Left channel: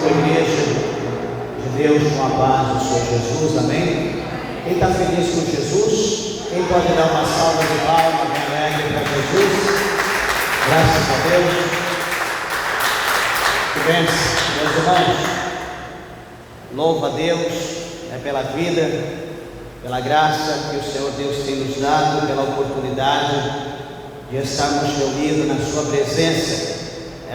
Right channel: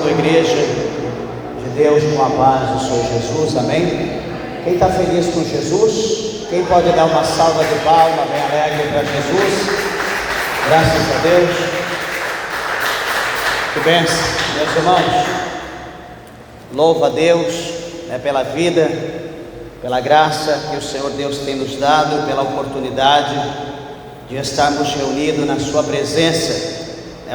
Saúde, igreja de Deus, com a paz do Senhor Jesus, amém? Quem está feliz com Jesus? Quem pode dar uma salva de palmas bem alegre para Jesus? Graças a Deus. Que bênção, meus irmãos. Louva a Deus pela vida, pela graça que o Senhor Deus tem nos dado, pela oportunidade de estarmos reunidos na sua presença,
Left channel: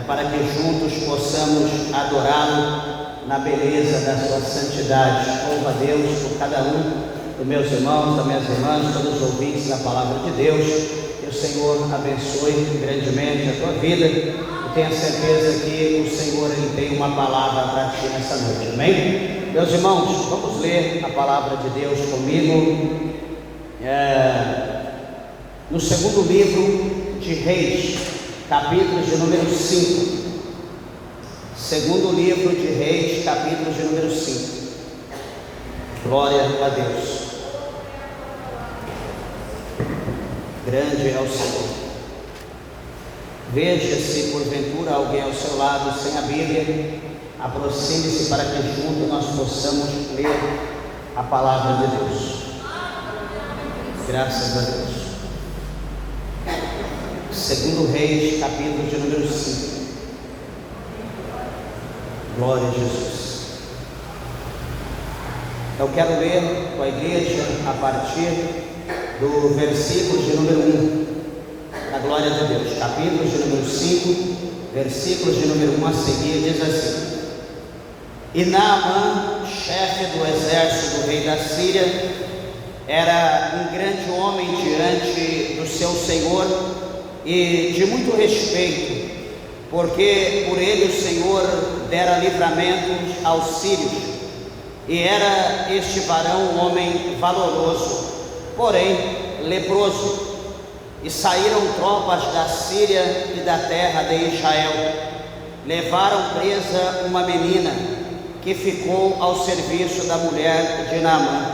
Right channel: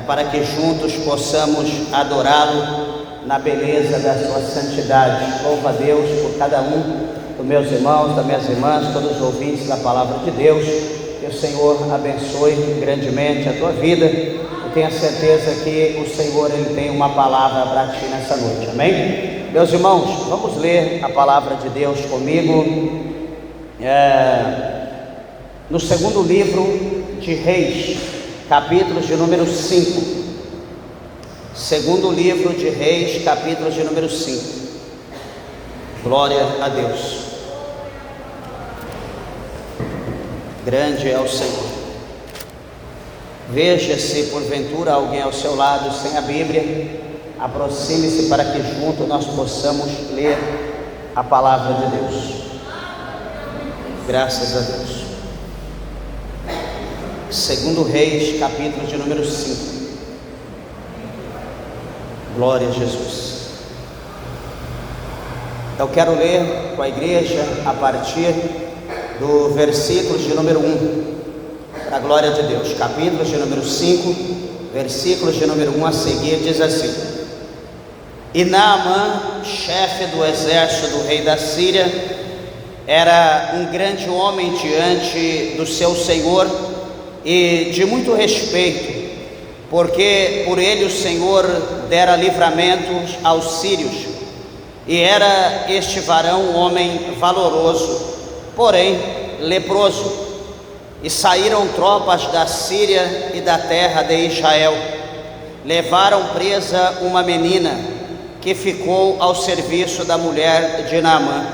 para que juntos possamos adorá-lo na beleza da sua santidade. Louva a Deus por cada um dos meus irmãos, das minhas irmãs, todos os ouvintes da palavra de Deus. Que o Senhor abençoe grandemente a tua vida. Eu tenho a certeza que o Senhor Ele tem uma palavra para ti nessa noite, amém? Meus irmãos, vamos ler a palavra de Deus comigo no segundo livro de Reis, capítulo de número 5. Segundo livro de Reis, capítulo de número 5. Glória a Deus. Grande é o Senhor. Veja se porventura alguém ao seu lado sem a Bíblia, aproxime-se para que juntos nós possamos ler a palavra de Deus. Graças a Deus. Segundo Reis, capítulo de número 5. Glória a Jesus. Eu quero ler com a igreja a partir do versículo de número 1, para a glória de Deus. Capítulo de número 5, versículo de número 1 a seguir, diz assim: E Naamã, chefe do exército do rei da Síria, era um grande homem diante do seu senhor e de muito respeito, porque por ele o Senhor dera livramentos aos sírios, e era este varão um homem valoroso, porém leproso. E saíram tropas da Síria e da terra de Israel, levaram presa uma menina que ficou ao serviço da mulher de Naamã.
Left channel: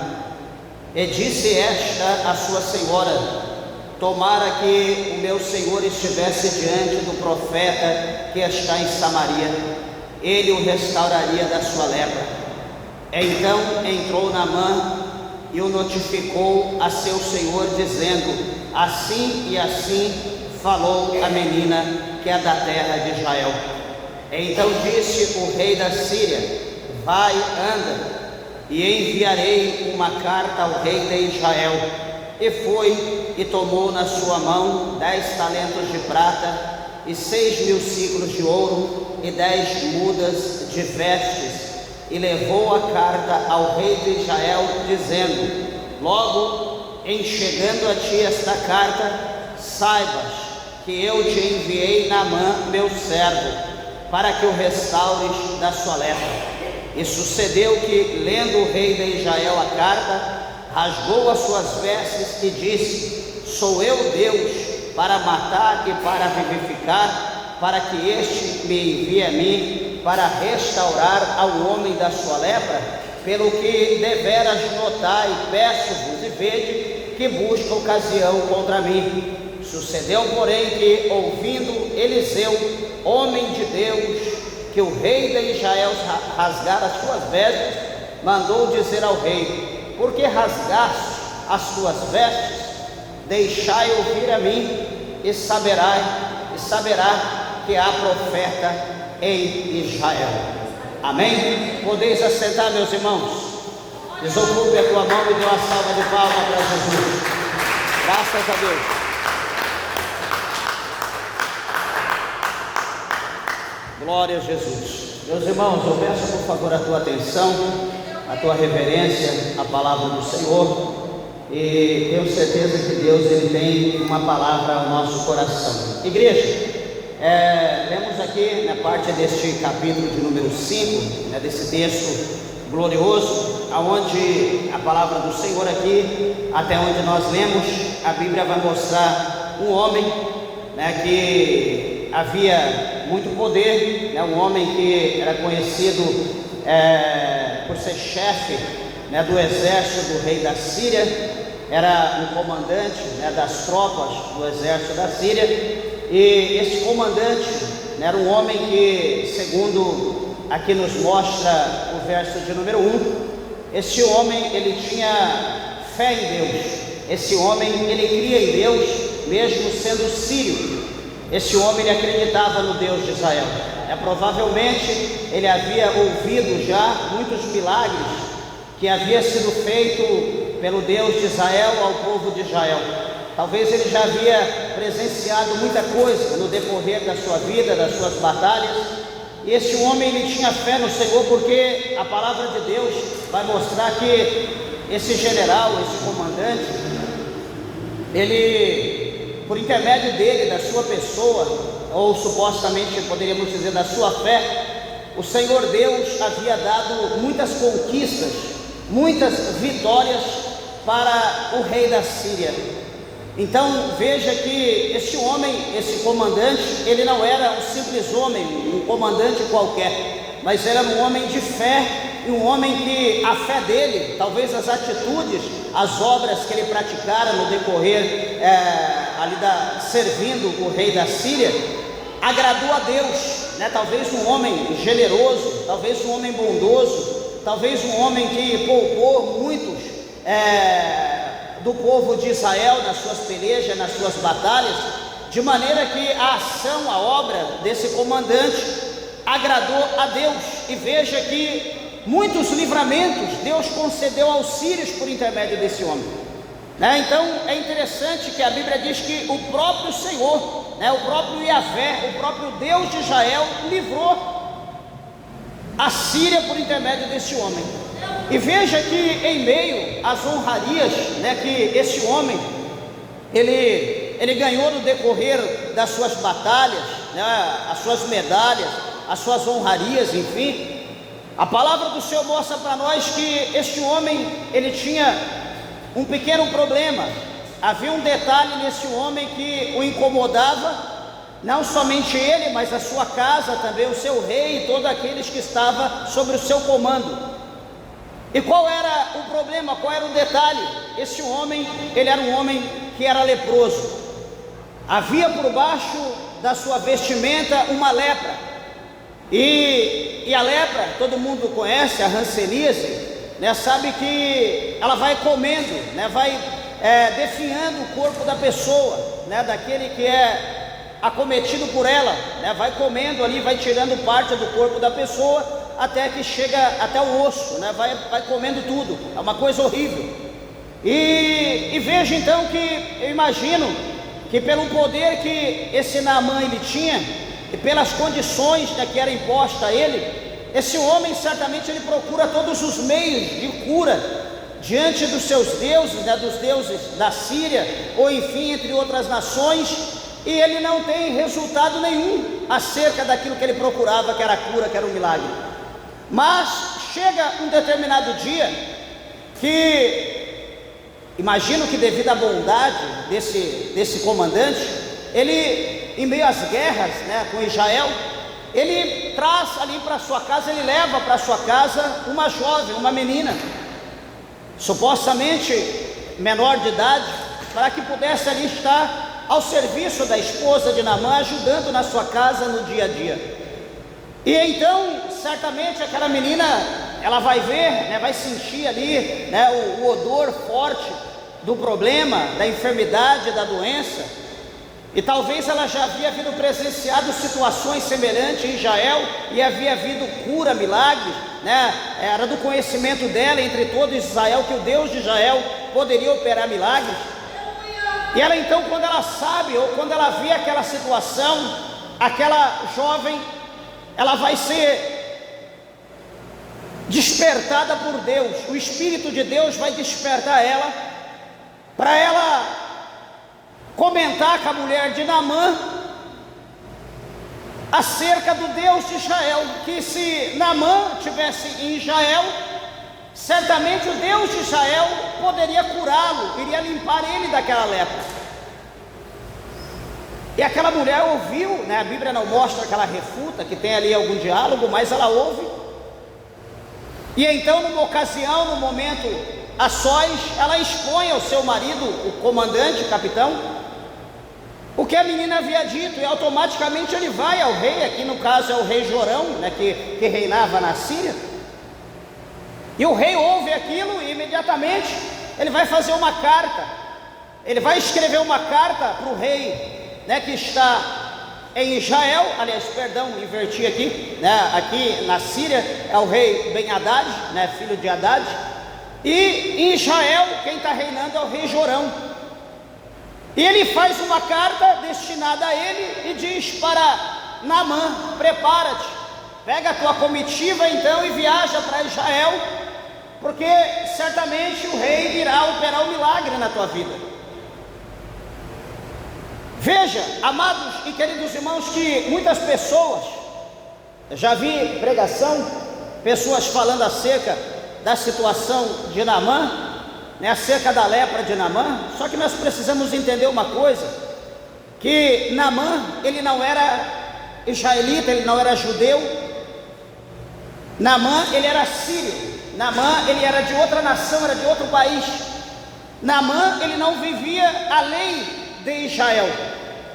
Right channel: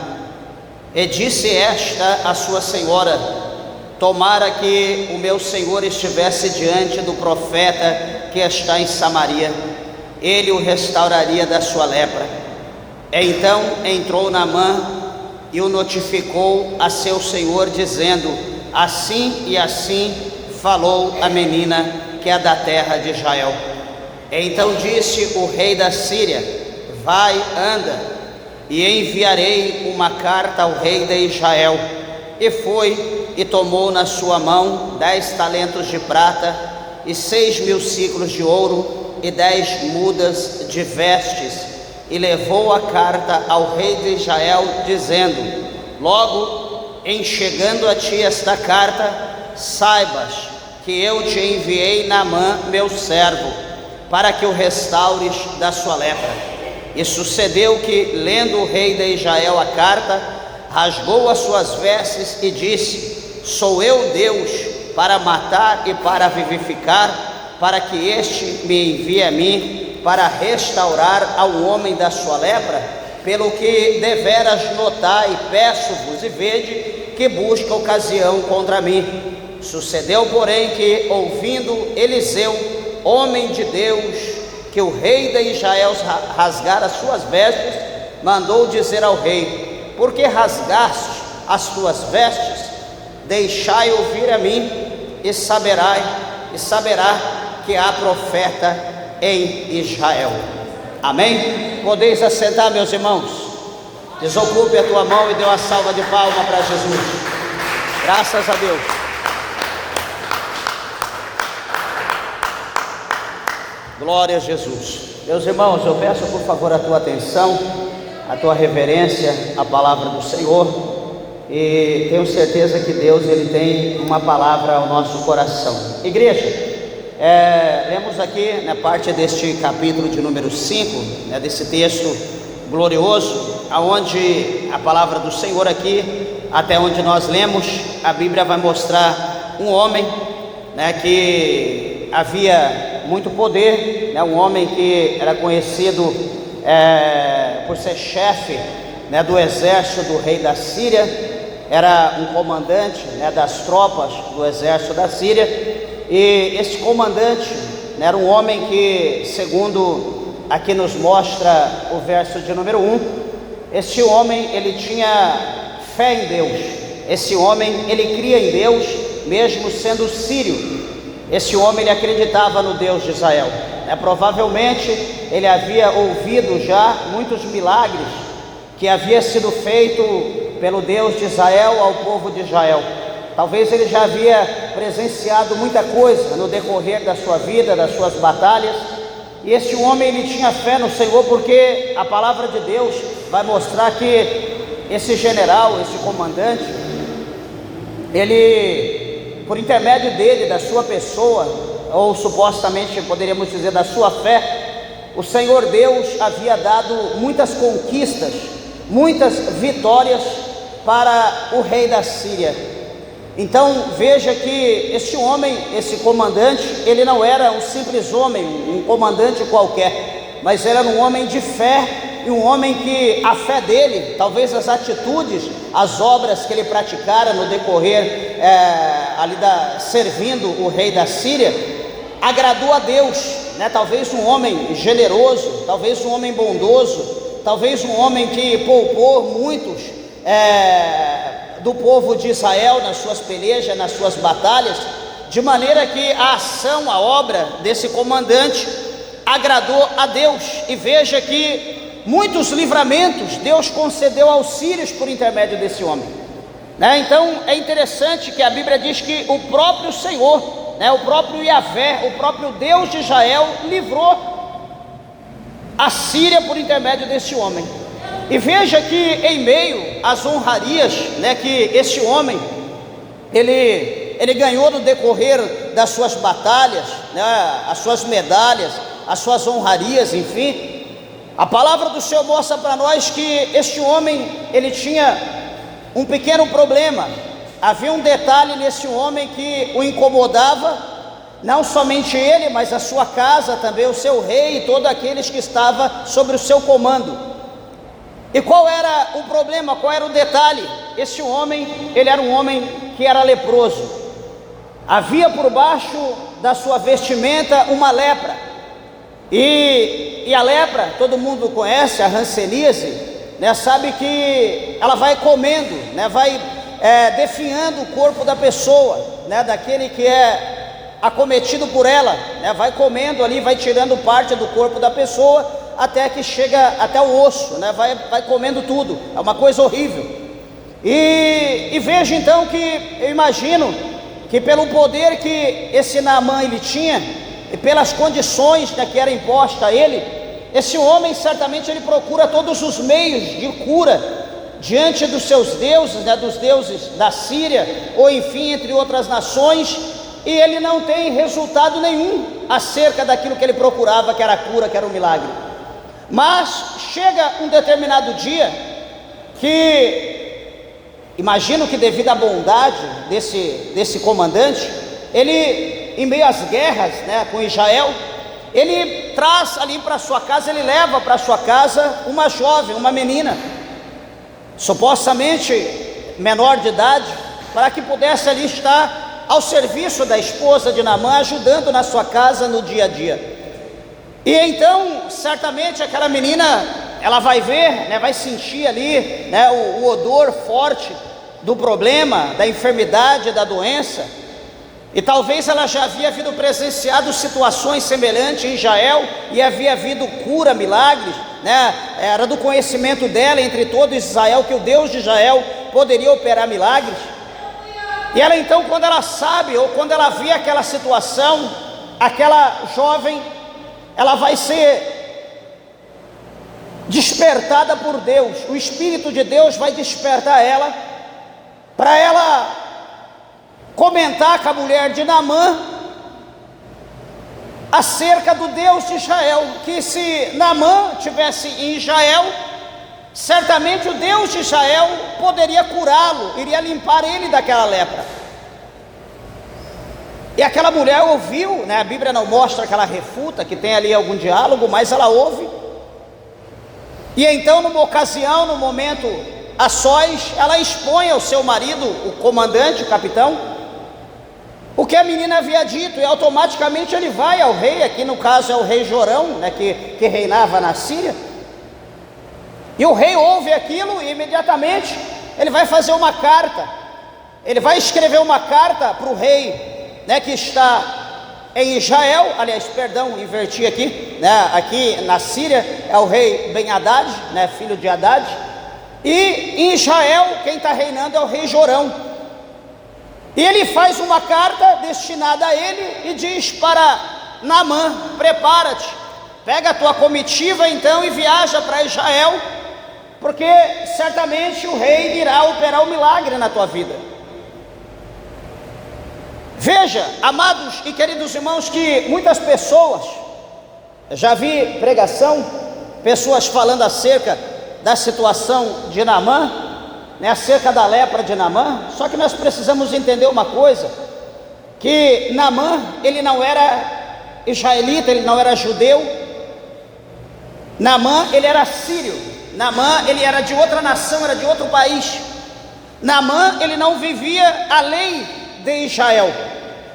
E disse esta a sua senhora: Tomara que o meu senhor estivesse diante do profeta que está em Samaria, ele o restauraria da sua lepra. Então entrou Naamã e o notificou a seu senhor, dizendo: Assim e assim falou a menina que é da terra de Israel. Então disse o rei da Síria: Vai, anda, e enviarei uma carta ao rei de Israel. E foi e tomou na sua mão 10 talentos de prata e 6.000 ciclos de ouro e 10 mudas de vestes, e levou a carta ao rei de Israel, dizendo: Logo em chegando a ti esta carta, saibas que eu te enviei Naamã, meu servo, para que o restaures da sua lepra. E sucedeu que, lendo o rei de Israel a carta, rasgou as suas vestes e disse: Sou eu Deus para matar e para vivificar, para que este me envie a mim para restaurar ao homem da sua lepra? Pelo que deveras notar e peço-vos e vede que busca ocasião contra mim. Sucedeu, porém, que, ouvindo Eliseu, homem de Deus, que o rei de Israel rasgara as suas vestes, mandou dizer ao rei: Por que rasgaste as tuas vestes? Deixai ouvir a mim, e saberá que há profeta em Israel. Amém? Podeis assentar, meus irmãos. Desocupe a tua mão e dê uma salva de palmas para Jesus. Graças a Deus. Glória a Jesus. Meus irmãos, eu peço por favor a tua atenção, a tua reverência à palavra do Senhor, e tenho certeza que Deus Ele tem uma palavra ao nosso coração. Igreja, lemos aqui na parte deste capítulo de número 5, desse texto glorioso, aonde a palavra do Senhor aqui, até onde nós lemos, a Bíblia vai mostrar um homem, que havia muito poder, um homem que era conhecido por ser chefe, do exército do rei da Síria, era um comandante, das tropas do exército da Síria, e esse comandante era um homem que, segundo aqui nos mostra o verso de número 1, esse homem, ele tinha fé em Deus. Esse homem, ele cria em Deus, mesmo sendo sírio. Esse homem, ele acreditava no Deus de Israel. Provavelmente, ele havia ouvido já muitos milagres que havia sido feito pelo Deus de Israel ao povo de Israel. Talvez ele já havia presenciado muita coisa no decorrer da sua vida, das suas batalhas. E esse homem, ele tinha fé no Senhor, porque a palavra de Deus vai mostrar que esse general, esse comandante, ele, por intermédio dele, da sua pessoa, ou supostamente poderíamos dizer da sua fé, o Senhor Deus havia dado muitas conquistas, muitas vitórias para o rei da Síria. Então veja que este homem, esse comandante, ele não era um simples homem, um comandante qualquer, mas era um homem de fé, e um homem que a fé dele, talvez as atitudes, as obras que ele praticara no decorrer servindo o rei da Síria, agradou a Deus, talvez um homem generoso, talvez um homem bondoso, talvez um homem que poupou muitos do povo de Israel nas suas pelejas, nas suas batalhas, de maneira que a ação, a obra desse comandante agradou a Deus. E veja que muitos livramentos Deus concedeu aos sírios por intermédio desse homem, Então é interessante que a Bíblia diz que o próprio Senhor, o próprio Yahvé, o próprio Deus de Israel livrou a Síria por intermédio desse homem. E veja que em meio às honrarias, que esse homem ele ganhou no decorrer das suas batalhas, as suas medalhas, as suas honrarias, enfim, a palavra do Senhor mostra para nós que este homem, ele tinha um pequeno problema. Havia um detalhe nesse homem que o incomodava, não somente ele, mas a sua casa também, o seu rei e todos aqueles que estavam sobre o seu comando. E qual era o problema, qual era o detalhe? Esse homem, ele era um homem que era leproso. Havia por baixo da sua vestimenta uma lepra. E a lepra, todo mundo conhece, a hanseníase, sabe que ela vai comendo, vai definhando o corpo da pessoa, daquele que é acometido por ela, vai comendo ali, vai tirando parte do corpo da pessoa, até que chega até o osso, vai comendo tudo, é uma coisa horrível. E veja então que eu imagino que pelo poder que esse Naamã ele tinha, e pelas condições que era imposta a ele, esse homem certamente ele procura todos os meios de cura diante dos seus deuses, dos deuses da Síria, ou enfim, entre outras nações, e ele não tem resultado nenhum acerca daquilo que ele procurava, que era a cura, que era o milagre. Mas chega um determinado dia que, imagino que devido à bondade desse comandante, ele, em meio às guerras com Israel, ele traz ali para sua casa, ele leva para sua casa uma jovem, uma menina, supostamente menor de idade, para que pudesse ali estar ao serviço da esposa de Naamã, ajudando na sua casa no dia a dia. E então, certamente aquela menina, ela vai ver, vai sentir ali, o odor forte do problema, da enfermidade, da doença. E talvez ela já havia havido presenciado situações semelhantes em Israel, e havia havido cura, milagres, era do conhecimento dela entre todos Israel, que o Deus de Israel poderia operar milagres. E ela então, quando ela sabe, ou quando ela vê aquela situação, aquela jovem, ela vai ser despertada por Deus, o Espírito de Deus vai despertar ela, para ela comentar com a mulher de Naamã acerca do Deus de Israel, que se Naamã estivesse em Israel, certamente o Deus de Israel poderia curá-lo, iria limpar ele daquela lepra. E aquela mulher ouviu, a Bíblia não mostra que ela refuta, que tem ali algum diálogo, mas ela ouve. E então, numa ocasião, num momento a sós, ela expõe ao seu marido, o comandante, o capitão, o que a menina havia dito, e automaticamente ele vai ao rei, aqui no caso é o rei Jorão, né, que reinava na Síria, e o rei ouve aquilo e imediatamente ele vai fazer uma carta, ele vai escrever uma carta para o rei, né, que está em Israel, aliás, perdão, inverti aqui, né, aqui na Síria é o rei Ben-Hadad, né, filho de Hadad, e em Israel quem está reinando é o rei Jorão. E ele faz uma carta destinada a ele e diz para Naamã: prepara-te, pega a tua comitiva então e viaja para Israel, porque certamente o rei irá operar um milagre na tua vida. Veja, amados e queridos irmãos, que muitas pessoas, já vi pregação, pessoas falando acerca da situação de Naamã, acerca da lepra de Naamã, só que nós precisamos entender uma coisa, que Naamã, ele não era israelita, ele não era judeu, Naamã, ele era sírio, Naamã, ele era de outra nação, era de outro país, Naamã, ele não vivia a lei de Israel,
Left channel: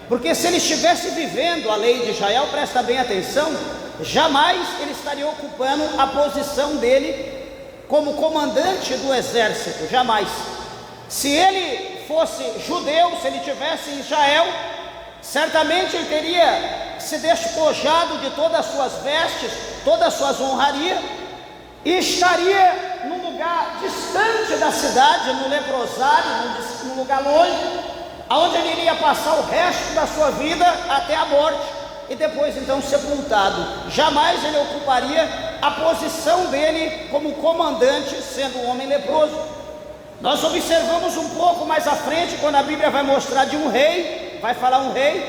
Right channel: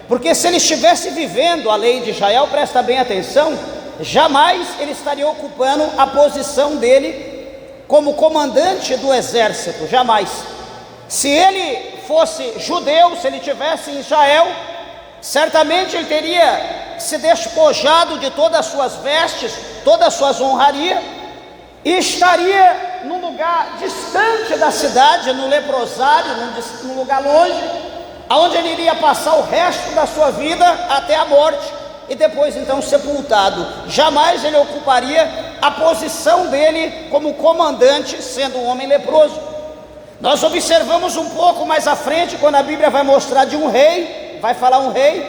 porque se ele estivesse vivendo a lei de Israel, presta bem atenção, jamais ele estaria ocupando a posição dele como comandante do exército, jamais. Se ele fosse judeu, se ele estivesse em Israel, certamente ele teria se despojado de todas as suas vestes, todas as suas honrarias, e estaria num lugar distante da cidade, no leprosário, num lugar longe, onde ele iria passar o resto da sua vida até a morte, e depois então sepultado. Jamais ele ocuparia a posição dele como comandante, sendo um homem leproso. Nós observamos um pouco mais à frente, quando a Bíblia vai mostrar de um rei, vai falar um rei,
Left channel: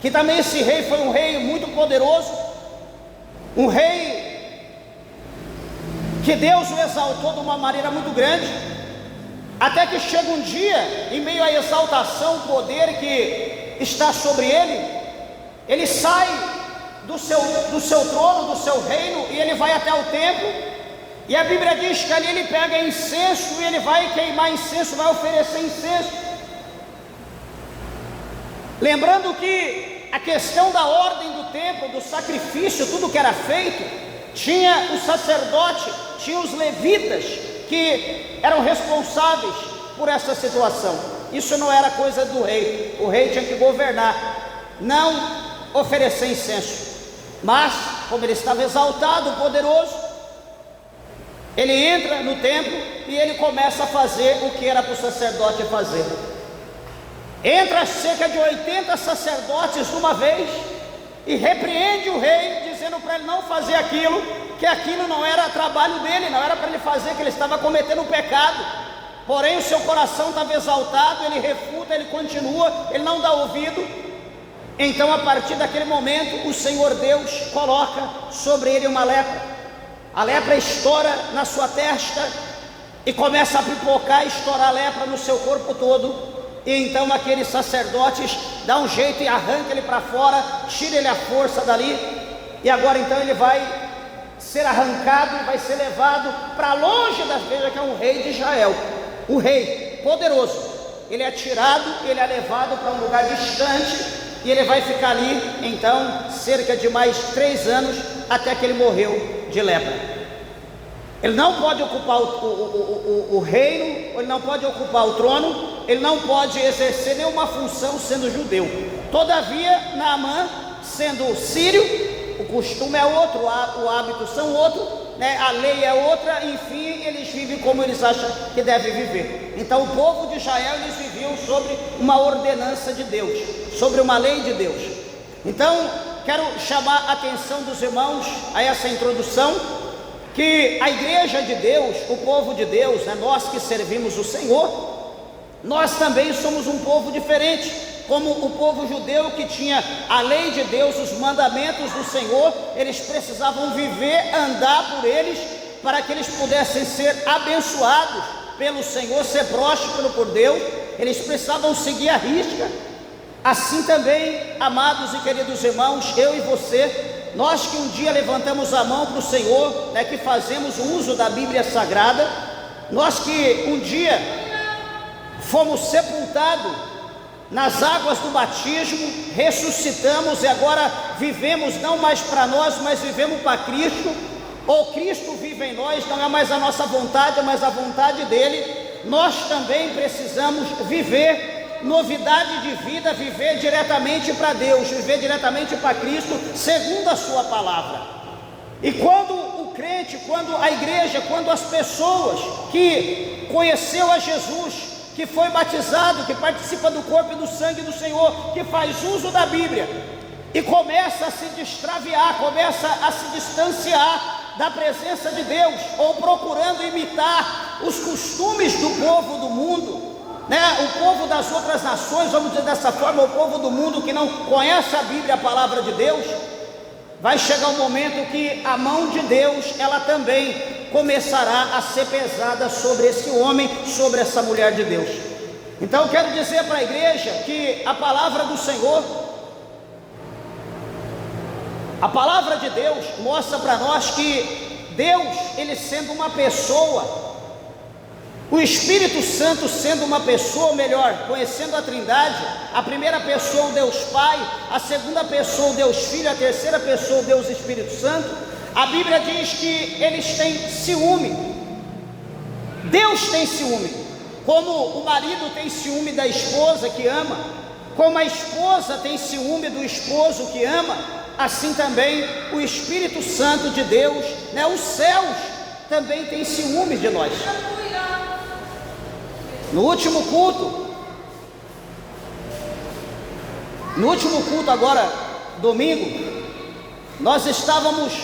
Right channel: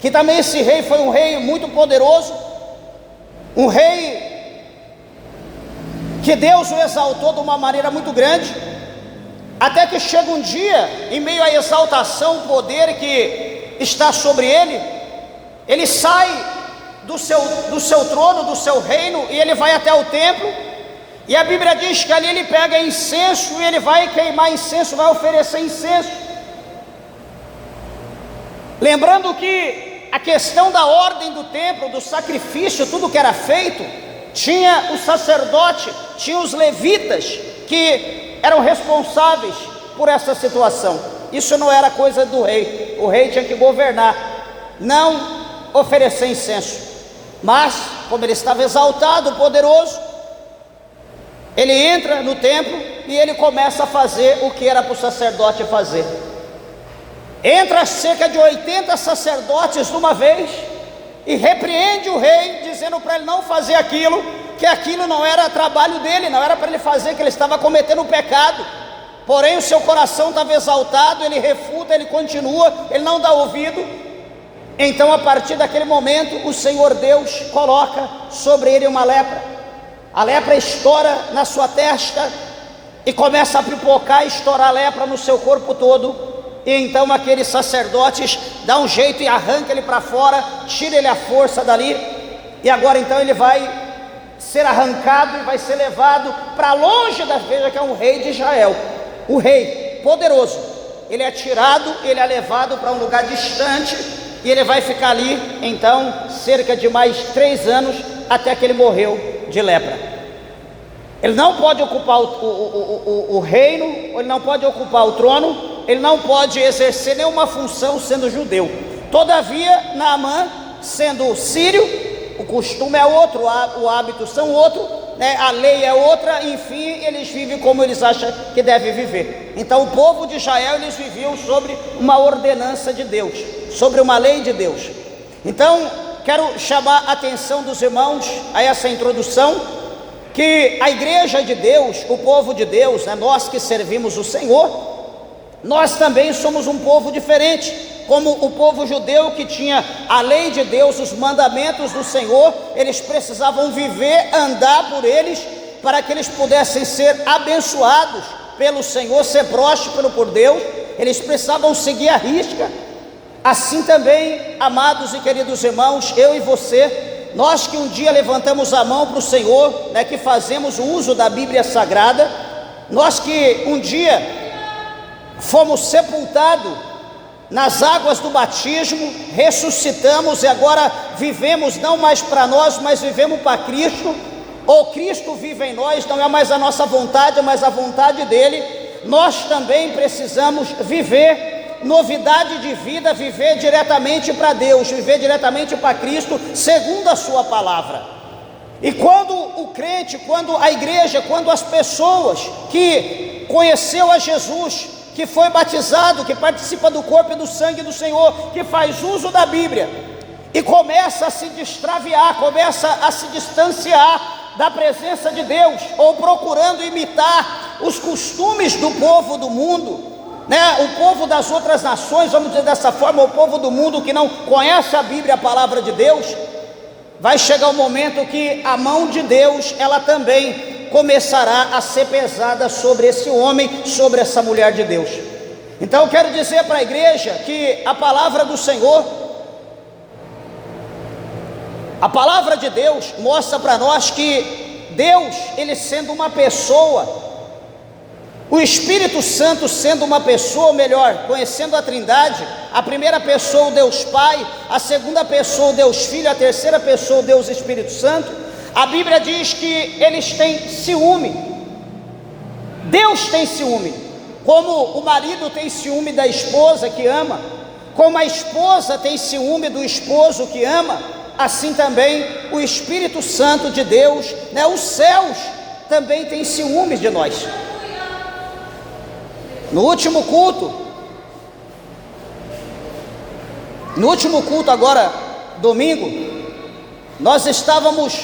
que também esse rei foi um rei muito poderoso, um rei que Deus o exaltou de uma maneira muito grande, até que chega um dia, em meio à exaltação, o poder que está sobre ele, ele sai do seu trono, do seu reino, e ele vai até o templo, e a Bíblia diz que ali ele pega incenso, e ele vai queimar incenso, vai oferecer incenso, lembrando que a questão da ordem do templo, do sacrifício, tudo que era feito, tinha o sacerdote, tinha os levitas, que eram responsáveis por essa situação. Isso não era coisa do rei, o rei tinha que governar, não oferecer incenso, mas como ele estava exaltado, poderoso, ele entra no templo e ele começa a fazer o que era para o sacerdote fazer. Entra cerca de 80 sacerdotes de uma vez e repreende o rei, dizendo para ele não fazer aquilo, que aquilo não era trabalho dele, não era para ele fazer, que ele estava cometendo um pecado. Porém o seu coração estava exaltado, ele refuta, ele continua, ele não dá ouvido. Então a partir daquele momento o Senhor Deus coloca sobre ele uma lepra, a lepra estoura na sua testa e começa a pipocar e estourar a lepra no seu corpo todo, e então aqueles sacerdotes dão um jeito e arranca ele para fora, tira ele à força dali, e agora então ele vai ser arrancado, vai ser levado para longe da veja, que é um rei de Israel, o rei poderoso, ele é tirado, ele é levado para um lugar distante, e ele vai ficar ali, então, cerca de mais 3 anos, até que ele morreu de lepra. Ele não pode ocupar o reino, ele não pode ocupar o trono, ele não pode exercer nenhuma função sendo judeu. Todavia, Naamã, sendo sírio, o costume é outro, o hábito são outro, né? A lei é outra, enfim, eles vivem como eles acham que devem viver. Então o povo de Israel, eles viviam sobre uma ordenança de Deus, sobre uma lei de Deus. Então quero chamar a atenção dos irmãos a essa introdução, que a igreja de Deus, o povo de Deus, né, nós que servimos o Senhor, nós também somos um povo diferente, como o povo judeu que tinha a lei de Deus, os mandamentos do Senhor, eles precisavam viver, andar por eles, para que eles pudessem ser abençoados pelo Senhor, ser prósperos por Deus, eles precisavam seguir a risca. Assim também, amados e queridos irmãos, eu e você, nós que um dia levantamos a mão para o Senhor, né, que fazemos o uso da Bíblia Sagrada, nós que um dia fomos sepultados nas águas do batismo, ressuscitamos e agora vivemos não mais para nós, mas vivemos para Cristo, ou Cristo vive em nós, não é mais a nossa vontade, mas a vontade dele. Nós também precisamos viver novidade de vida, viver diretamente para Deus, viver diretamente para Cristo, segundo a sua palavra. E quando o crente, quando a igreja, quando as pessoas que conheceu a Jesus, que foi batizado, que participa do corpo e do sangue do Senhor, que faz uso da Bíblia, e começa a se extraviar, começa a se distanciar da presença de Deus, ou procurando imitar os costumes do povo do mundo, o povo das outras nações, vamos dizer dessa forma, o povo do mundo que não conhece a Bíblia, a palavra de Deus, vai chegar um momento que a mão de Deus, ela também começará a ser pesada sobre esse homem, sobre essa mulher de Deus. Então eu quero dizer para a igreja que a palavra do Senhor, a palavra de Deus mostra para nós que Deus, ele sendo uma pessoa, o Espírito Santo sendo uma pessoa, ou melhor, conhecendo a Trindade, a primeira pessoa o Deus Pai, a segunda pessoa o Deus Filho, a terceira pessoa o Deus Espírito Santo, a Bíblia diz que eles têm ciúme. Deus tem ciúme, como o marido tem ciúme da esposa que ama, como a esposa tem ciúme do esposo que ama, assim também o Espírito Santo de Deus, os céus também têm ciúmes de nós. No último culto agora, domingo, nós estávamos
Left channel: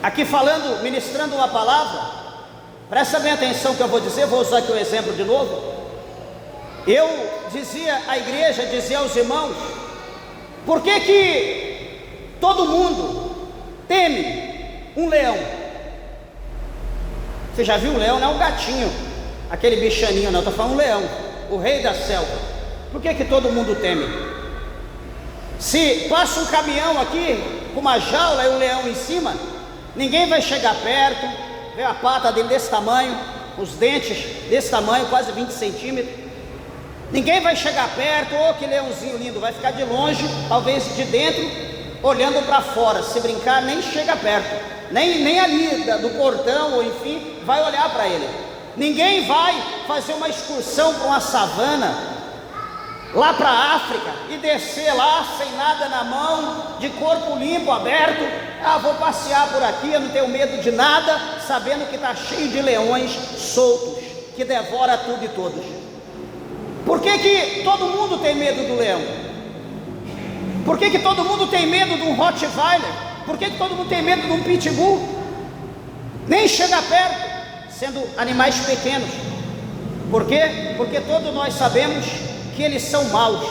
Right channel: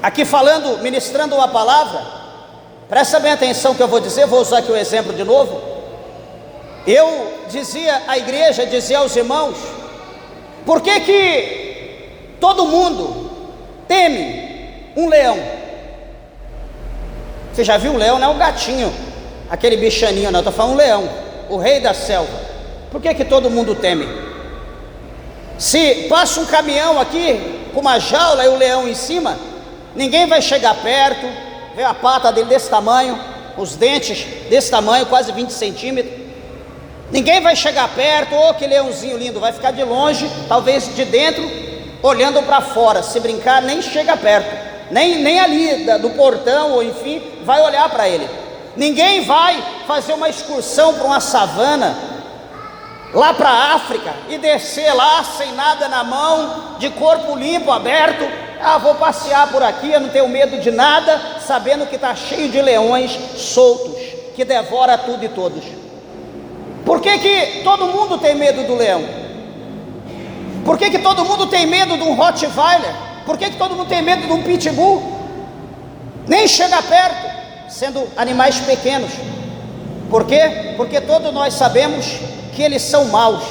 aqui falando, ministrando uma palavra. Presta bem atenção que eu vou dizer, vou usar aqui o exemplo de novo. Eu dizia à igreja, dizia aos irmãos, por que todo mundo teme um leão? Você já viu um leão? Não é um gatinho, aquele bichaninho, não, eu estou falando um leão, o rei da selva. Por que todo mundo teme? Se passa um caminhão aqui com uma jaula e o leão em cima, ninguém vai chegar perto, vê a pata dele desse tamanho, os dentes desse tamanho, quase 20 centímetros. Ninguém vai chegar perto, que leãozinho lindo, vai ficar de longe, talvez de dentro, olhando para fora. Se brincar, nem chega perto. Nem ali do portão, ou enfim, vai olhar para ele. Ninguém vai fazer uma excursão para uma savana, lá para a África, e descer lá sem nada na mão, de corpo limpo, aberto. Vou passear por aqui, eu não tenho medo de nada, sabendo que está cheio de leões soltos, que devora tudo e todos. Por que todo mundo tem medo do leão? Por que todo mundo tem medo de um Rottweiler? Por que todo mundo tem medo de um pitbull? Nem chega perto, sendo animais pequenos. Por quê? Porque todos nós sabemos que eles são maus,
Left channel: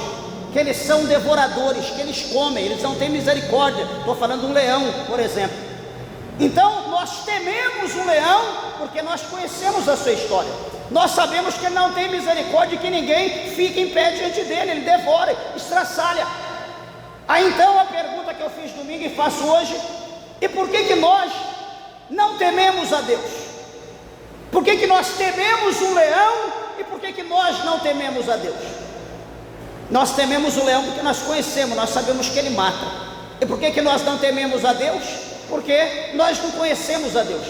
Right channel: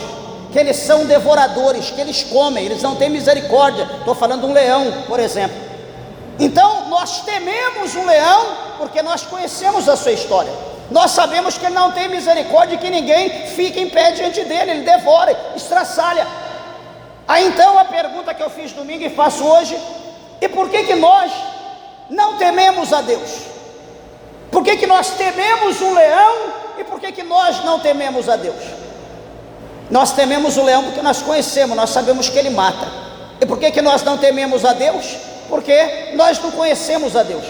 que eles são devoradores, que eles comem, eles não têm misericórdia. Estou falando de um leão, por exemplo. Então nós tememos um leão porque nós conhecemos a sua história. Nós sabemos que ele não tem misericórdia e que ninguém fica em pé diante dele, ele devora, estraçalha. Aí então a pergunta que eu fiz domingo e faço hoje: e por que nós não tememos a Deus? Por que nós tememos um leão e por que nós não tememos a Deus? Nós tememos o leão porque nós conhecemos, nós sabemos que ele mata. E por que nós não tememos a Deus? Porque nós não conhecemos a Deus.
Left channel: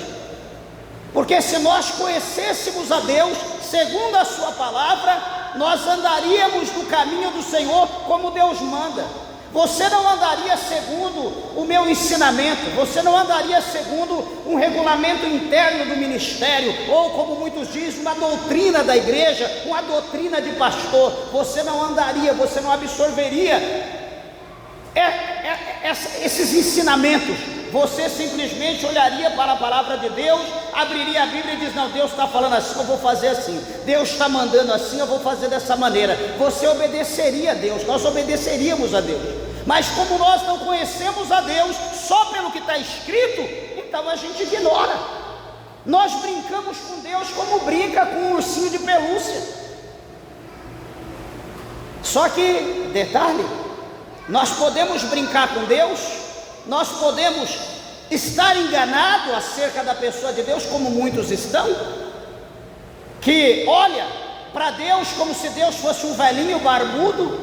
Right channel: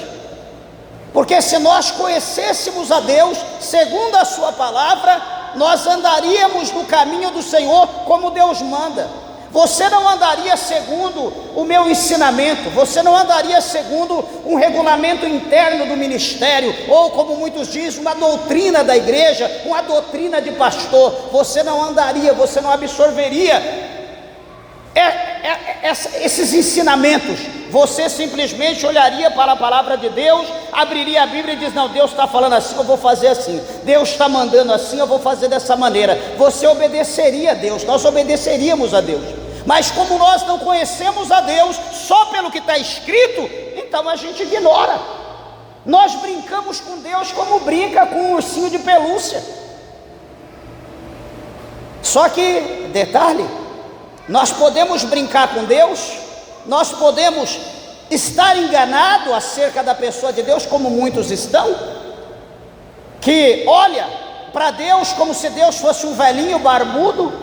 Porque se nós conhecêssemos a Deus, segundo a sua palavra, nós andaríamos no caminho do Senhor como Deus manda. Você não andaria segundo o meu ensinamento, você não andaria segundo um regulamento interno do ministério, ou como muitos dizem, uma doutrina da igreja, uma doutrina de pastor. Você não andaria, você não absorveria esses ensinamentos. Você simplesmente olharia para a palavra de Deus, abriria a Bíblia e diz: não, Deus está falando assim, eu vou fazer assim. Deus está mandando assim, eu vou fazer dessa maneira. Você obedeceria a Deus, nós obedeceríamos a Deus. Mas como nós não conhecemos a Deus só pelo que está escrito, então a gente ignora. Nós brincamos com Deus como brinca com um ursinho de pelúcia. Só que, detalhe, nós podemos brincar com Deus, nós podemos estar enganados acerca da pessoa de Deus, como muitos estão, que olha para Deus como se Deus fosse um velhinho barbudo,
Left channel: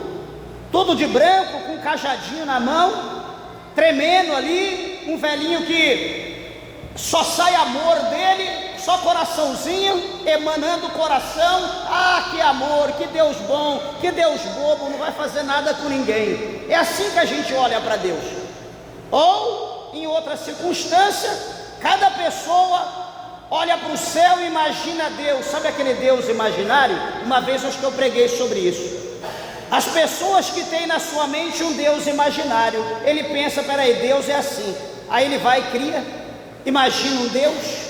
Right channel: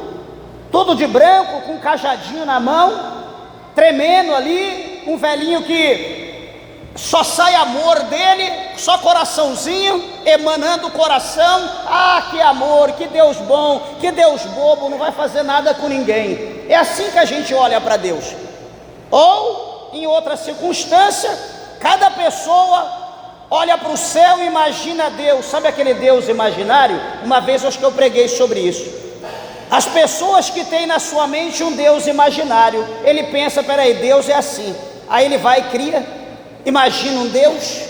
todo de branco, com um cajadinho na mão, tremendo ali, um velhinho que só sai amor dele, só coraçãozinho, emanando o coração. Ah, que amor, que Deus bom, que Deus bobo, não vai fazer nada com ninguém. É assim que a gente olha para Deus. Ou, em outra circunstância, cada pessoa olha para o céu e imagina Deus. Sabe aquele Deus imaginário? Uma vez acho que eu preguei sobre isso. As pessoas que têm na sua mente um Deus imaginário, ele pensa, peraí, Deus é assim. Aí ele vai e cria, imagina um Deus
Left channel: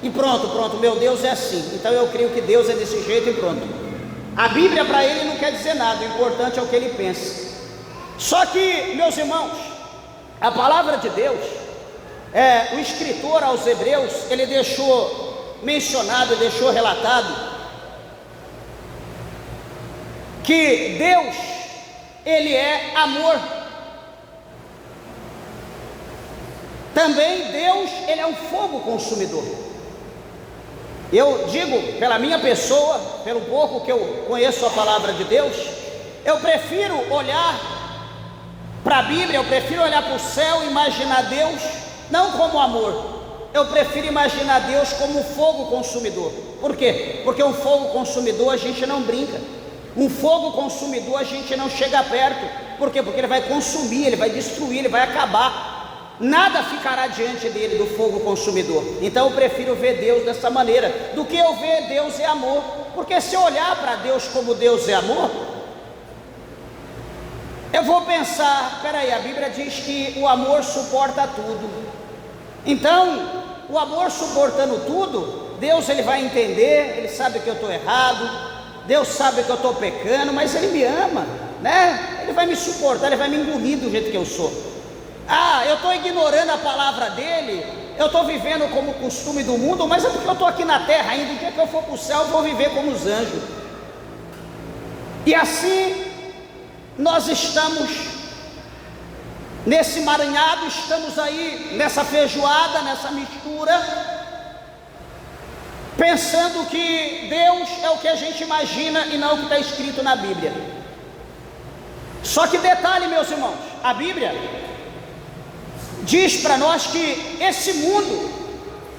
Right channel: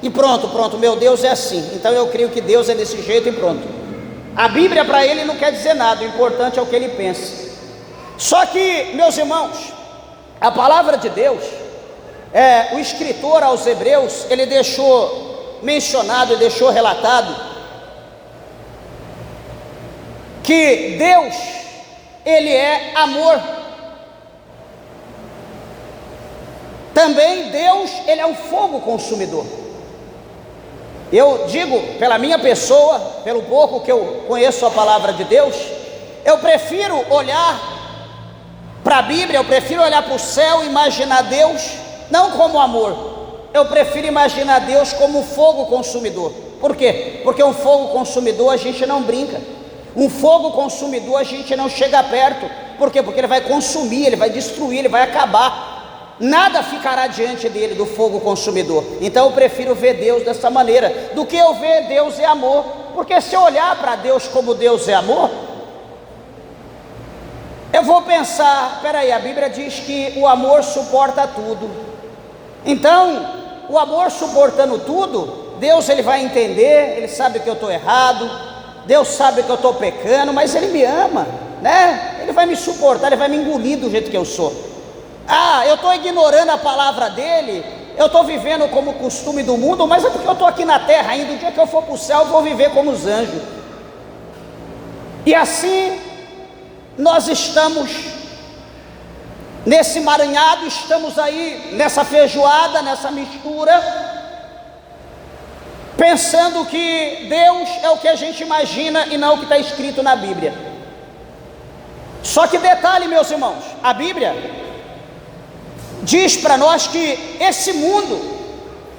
e pronto, meu Deus é assim, então eu creio que Deus é desse jeito e pronto. A Bíblia para ele não quer dizer nada, o importante é o que ele pensa. Só que, meus irmãos, a palavra de Deus, o escritor aos Hebreus, ele deixou mencionado, deixou relatado que Deus, ele é amor. Também Deus, ele é um fogo consumidor. Eu digo, pela minha pessoa, pelo pouco que eu conheço a palavra de Deus, eu prefiro olhar para a Bíblia, eu prefiro olhar para o céu e imaginar Deus, não como amor, eu prefiro imaginar Deus como fogo consumidor. Por quê? Porque um fogo consumidor a gente não brinca, um fogo consumidor a gente não chega perto. Por quê? Porque ele vai consumir, ele vai destruir, ele vai acabar. Nada ficará diante dele, do fogo consumidor. Então eu prefiro ver Deus dessa maneira, do que eu ver Deus é amor. Porque se eu olhar para Deus como Deus é amor, eu vou pensar, peraí, a Bíblia diz que o amor suporta tudo. Então, o amor suportando tudo, Deus ele vai entender, ele sabe que eu estou errado, Deus sabe que eu estou pecando, mas ele me ama, né? Ele vai me suportar, ele vai me engolir do jeito que eu sou. Ah, eu estou ignorando a palavra dele, eu estou vivendo como costume do mundo, mas é porque eu estou aqui na terra ainda. O dia que eu for para o céu eu vou viver como os anjos. E assim nós estamos nesse maranhado, estamos aí nessa feijoada, nessa mistura, pensando que Deus é o que a gente imagina e não o que está escrito na Bíblia. Só que detalhe, meus irmãos, a Bíblia diz para nós que esse mundo,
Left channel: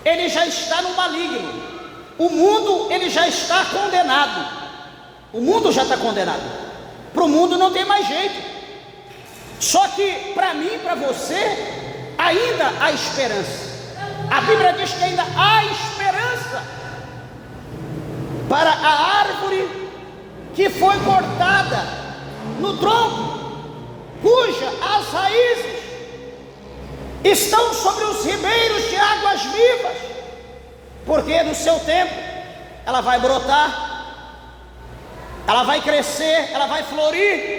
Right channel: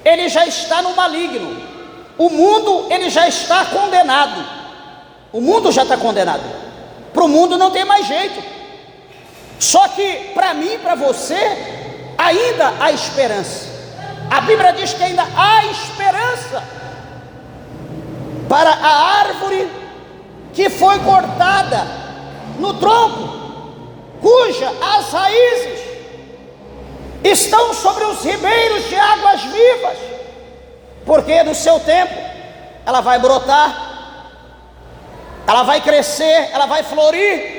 ele já está no maligno. O mundo, ele já está condenado. O mundo já está condenado. Para o mundo não tem mais jeito. Só que para mim e para você, ainda há esperança. A Bíblia diz que ainda há esperança para a árvore que foi cortada no tronco, cuja as raízes estão sobre os ribeiros de águas vivas, porque no seu tempo ela vai brotar, ela vai crescer, ela vai florir,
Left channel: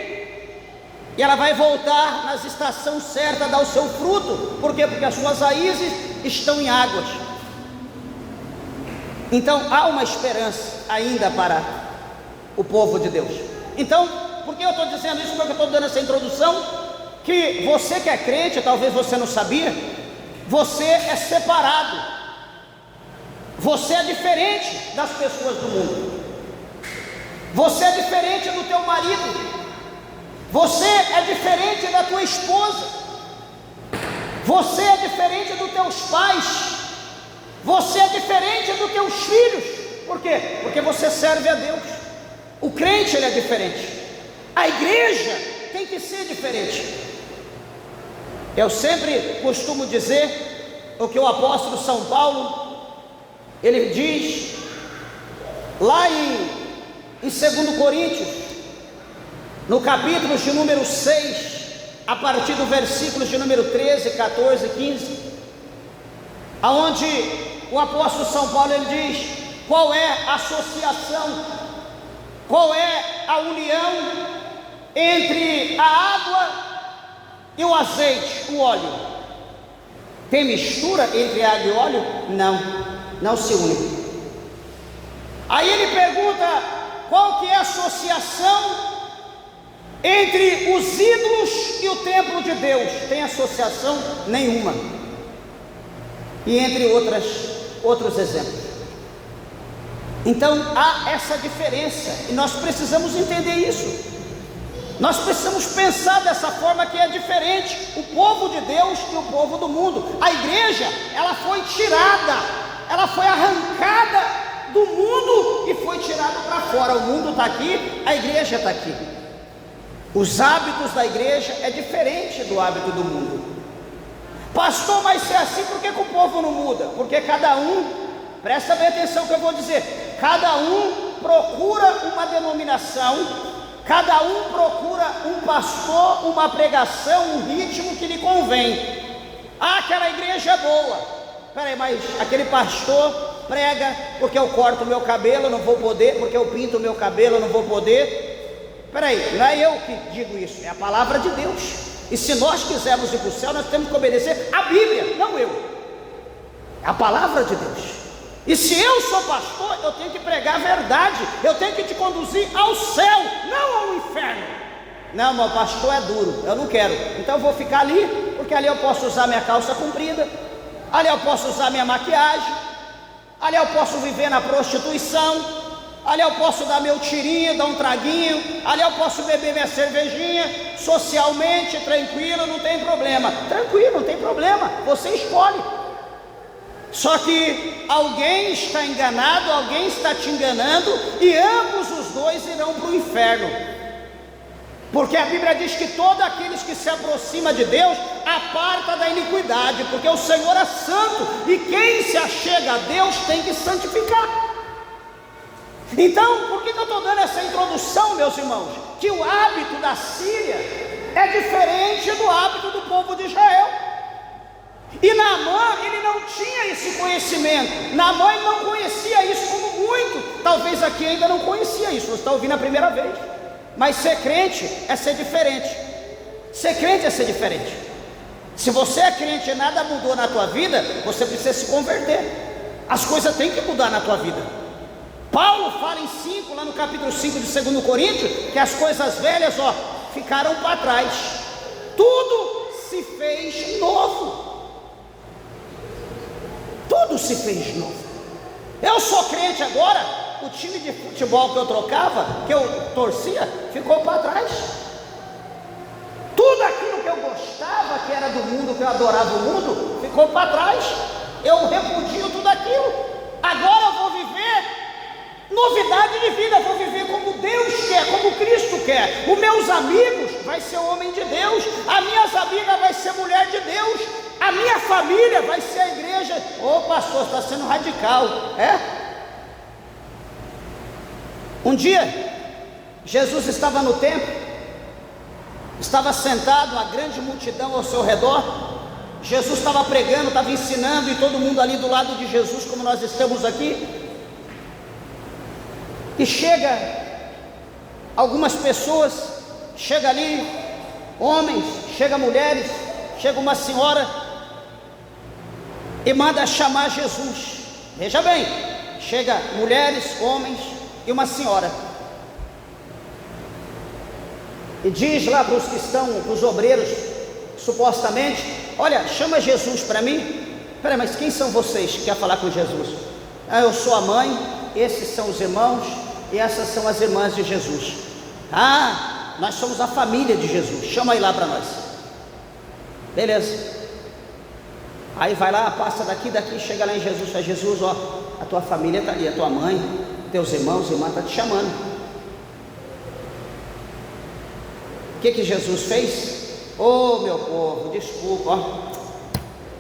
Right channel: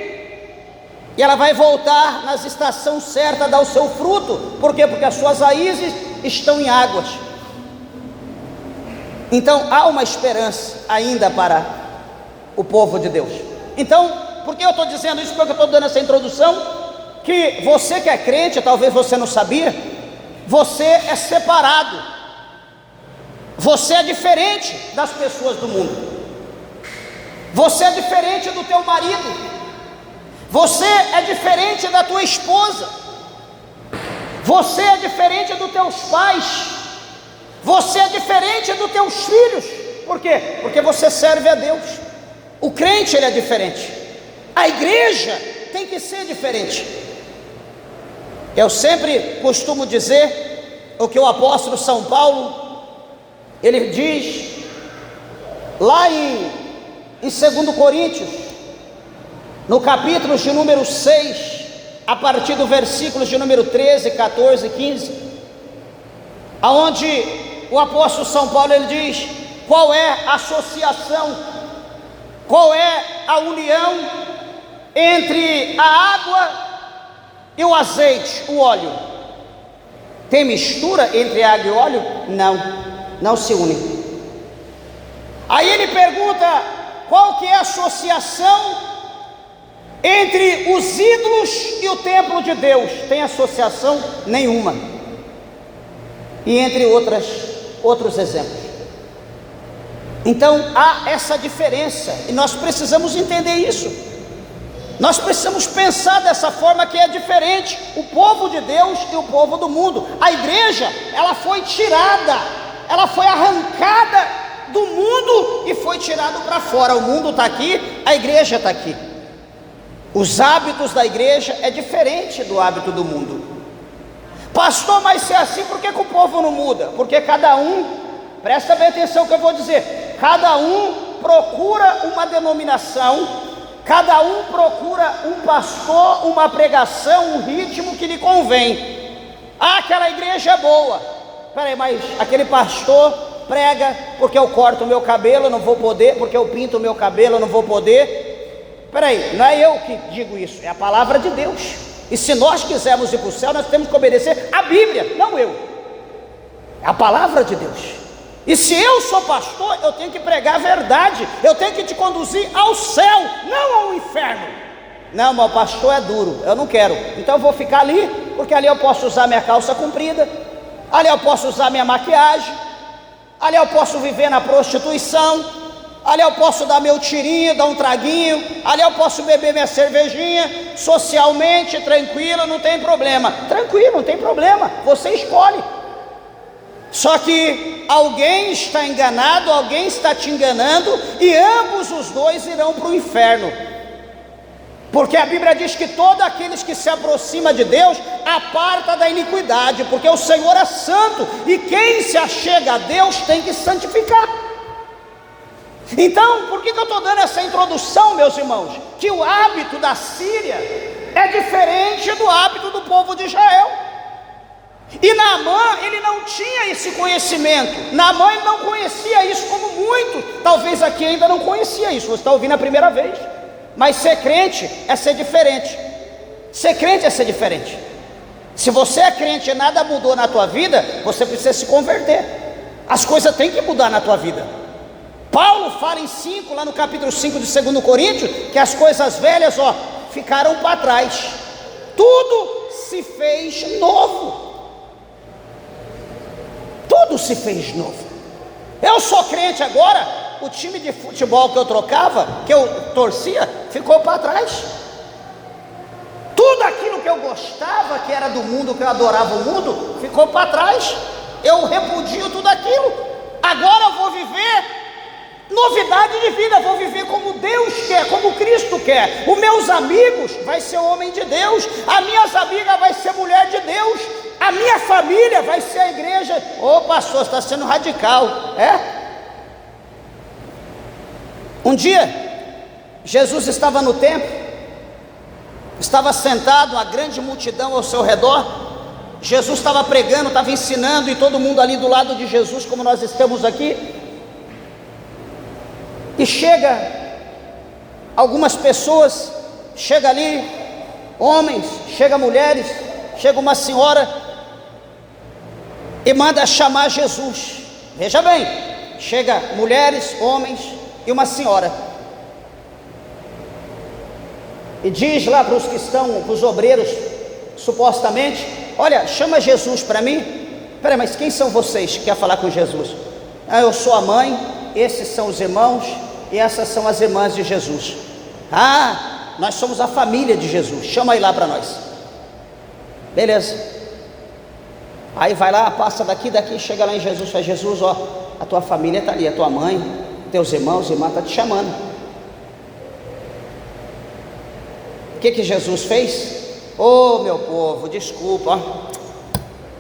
e ela vai voltar nas estações certas a dar o seu fruto. Por quê? Porque as suas raízes estão em águas. Então há uma esperança ainda para o povo de Deus. Então, por que eu estou dizendo isso? Porque eu estou dando essa introdução, que você que é crente, talvez você não sabia, você é separado, você é diferente das pessoas do mundo, você é diferente do teu marido, você é diferente da tua esposa, você é diferente dos teus pais, você é diferente dos teus filhos. Por quê? Porque você serve a Deus. O crente, ele é diferente, a igreja tem que ser diferente. Eu sempre costumo dizer o que o apóstolo São Paulo, ele diz lá em 2 Coríntios, no capítulo de número 6, a partir do versículo de número 13, 14 e 15, aonde o apóstolo São Paulo ele diz qual é a associação, qual é a união entre a água e o azeite, o óleo. Tem mistura entre água e óleo? Não se une. Aí ele pergunta qual que é a associação entre os ídolos e o templo de Deus. Tem associação nenhuma. E entre outros exemplos. Então há essa diferença e nós precisamos entender isso. Nós precisamos pensar dessa forma, que é diferente o povo de Deus e o povo do mundo. A igreja, ela foi tirada, ela foi arrancada do mundo e foi tirada para fora. O mundo está aqui, a igreja está aqui. Os hábitos da igreja é diferente do hábito do mundo. Pastor, mas se é assim, por que o povo não muda? Porque cada um, presta bem atenção que eu vou dizer, cada um procura uma denominação, cada um procura um pastor, uma pregação, um ritmo que lhe convém. Ah, aquela igreja é boa. Peraí, mas aquele pastor prega porque eu corto o meu cabelo, eu não vou poder, porque eu pinto o meu cabelo, eu não vou poder. Peraí, não é eu que digo isso, é a palavra de Deus. E se nós quisermos ir para o céu, nós temos que obedecer a Bíblia, não eu, a palavra de Deus. E se eu sou pastor, eu tenho que pregar a verdade, eu tenho que te conduzir ao céu, não ao inferno. Não, meu pastor é duro, eu não quero, então eu vou ficar ali, porque ali eu posso usar minha calça comprida, ali eu posso usar minha maquiagem, ali eu posso viver na prostituição, ali eu posso dar meu tirinho, dar um traguinho, ali eu posso beber minha cervejinha, socialmente, tranquilo, não tem problema. Tranquilo, não tem problema, você escolhe. Só que alguém está enganado, alguém está te enganando, e ambos os dois irão para o inferno. Porque a Bíblia diz que todos aqueles que se aproximam de Deus aparta da iniquidade, porque o Senhor é santo, e quem se achega a Deus tem que santificar. Então, por que eu estou dando essa introdução, meus irmãos? Que o hábito da Síria é diferente do hábito do povo de Israel. E Naamã, ele não tinha esse conhecimento. Naamã não conhecia isso como muito. Talvez aqui ainda não conhecia isso, você está ouvindo a primeira vez. Mas ser crente é ser diferente. Ser crente é ser diferente. Se você é crente e nada mudou na tua vida, você precisa se converter. As coisas têm que mudar na tua vida. Paulo fala em 5, lá no capítulo 5 de 2 Coríntios, que as coisas velhas, ficaram para trás. Tudo se fez novo. Tudo se fez novo. Eu sou crente agora, o time de futebol que eu trocava, que eu torcia, ficou para trás. Tudo aquilo que eu gostava, que era do mundo, que eu adorava o mundo, ficou para trás. Eu repudio tudo aquilo. Agora eu vou viver novidade de vida, vou viver como Deus quer, como Cristo quer. Os meus amigos vai ser homem de Deus, as minhas amigas vai ser mulher de Deus, a minha família vai ser a igreja. Ô pastor, está sendo radical, é? Um dia, Jesus estava no templo, estava sentado, uma grande multidão ao seu redor. Jesus estava pregando, estava ensinando, e todo mundo ali do lado de Jesus, como nós estamos aqui. E chega algumas pessoas, chega ali homens, chega mulheres, chega uma senhora e manda chamar Jesus. Veja bem, chega mulheres, homens e uma senhora, e diz lá para os que estão, para os obreiros, supostamente: olha, chama Jesus para mim. Peraí, mas quem são vocês que quer falar com Jesus? Ah, eu sou a mãe, esses são os irmãos, e essas são as irmãs de Jesus. Ah, nós somos a família de Jesus, chama aí lá para nós. Beleza. Aí vai lá, passa daqui, chega lá em Jesus, fala: Jesus, a tua família está ali, a tua mãe, teus irmãos, irmã está te chamando. O que Jesus fez? Ô meu povo, desculpa,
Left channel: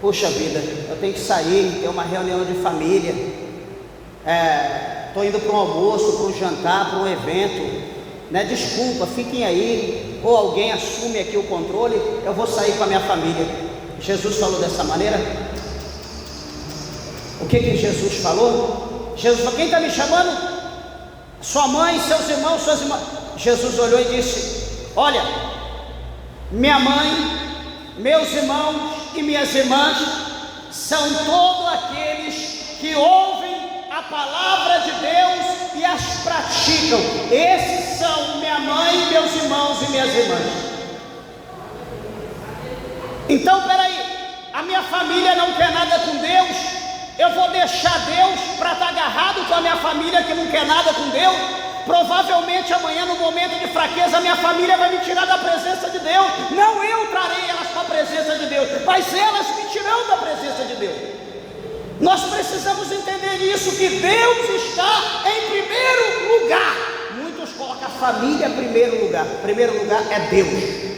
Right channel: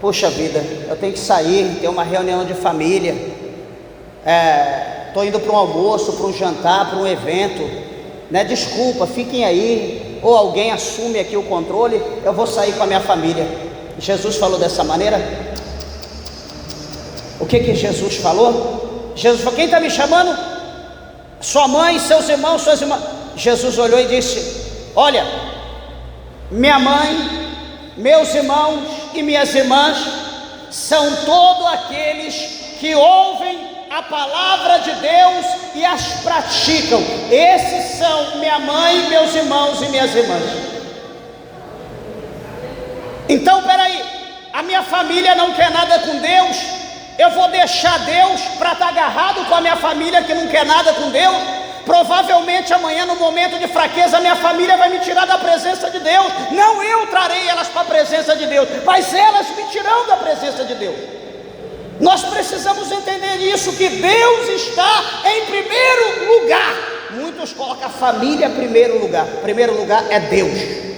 puxa vida, eu tenho que sair, tem uma reunião de família, estou indo para um almoço, para um jantar, para um evento, né? Desculpa, fiquem aí, ou alguém assume aqui o controle, eu vou sair com a minha família. Jesus falou dessa maneira. O que Jesus falou? Jesus falou: quem está me chamando? Sua mãe, seus irmãos, suas irmãs. Jesus olhou e disse: olha, minha mãe, meus irmãos e minhas irmãs são todos aqueles que ouvem a palavra de Deus e as praticam. Esses são minha mãe, meus irmãos e minhas irmãs. Então, peraí, a minha família não quer nada com Deus, eu vou deixar Deus para estar agarrado com a minha família que não quer nada com Deus? Provavelmente amanhã, no momento de fraqueza, minha família vai me tirar da presença de Deus. Não eu trarei elas para a presença de Deus, mas elas me tirarão da presença de Deus. Nós precisamos entender isso, que Deus está em primeiro lugar. Muitos colocam a família em primeiro lugar. Primeiro lugar é Deus.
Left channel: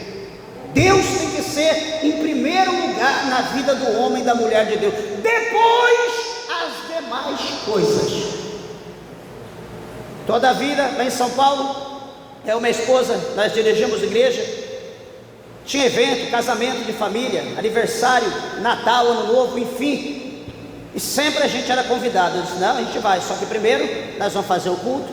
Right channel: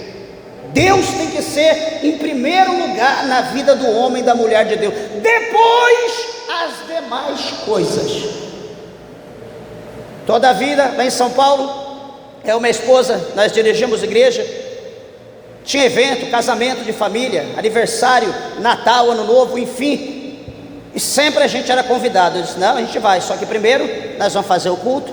Deus tem que ser em primeiro lugar na vida do homem e da mulher de Deus. Depois as demais coisas. Toda a vida, lá em São Paulo, eu e minha esposa, nós dirigimos igreja. Tinha evento, casamento de família, aniversário, Natal, Ano Novo, enfim. E sempre a gente era convidado. Eu disse, não, a gente vai, só que primeiro nós vamos fazer o culto.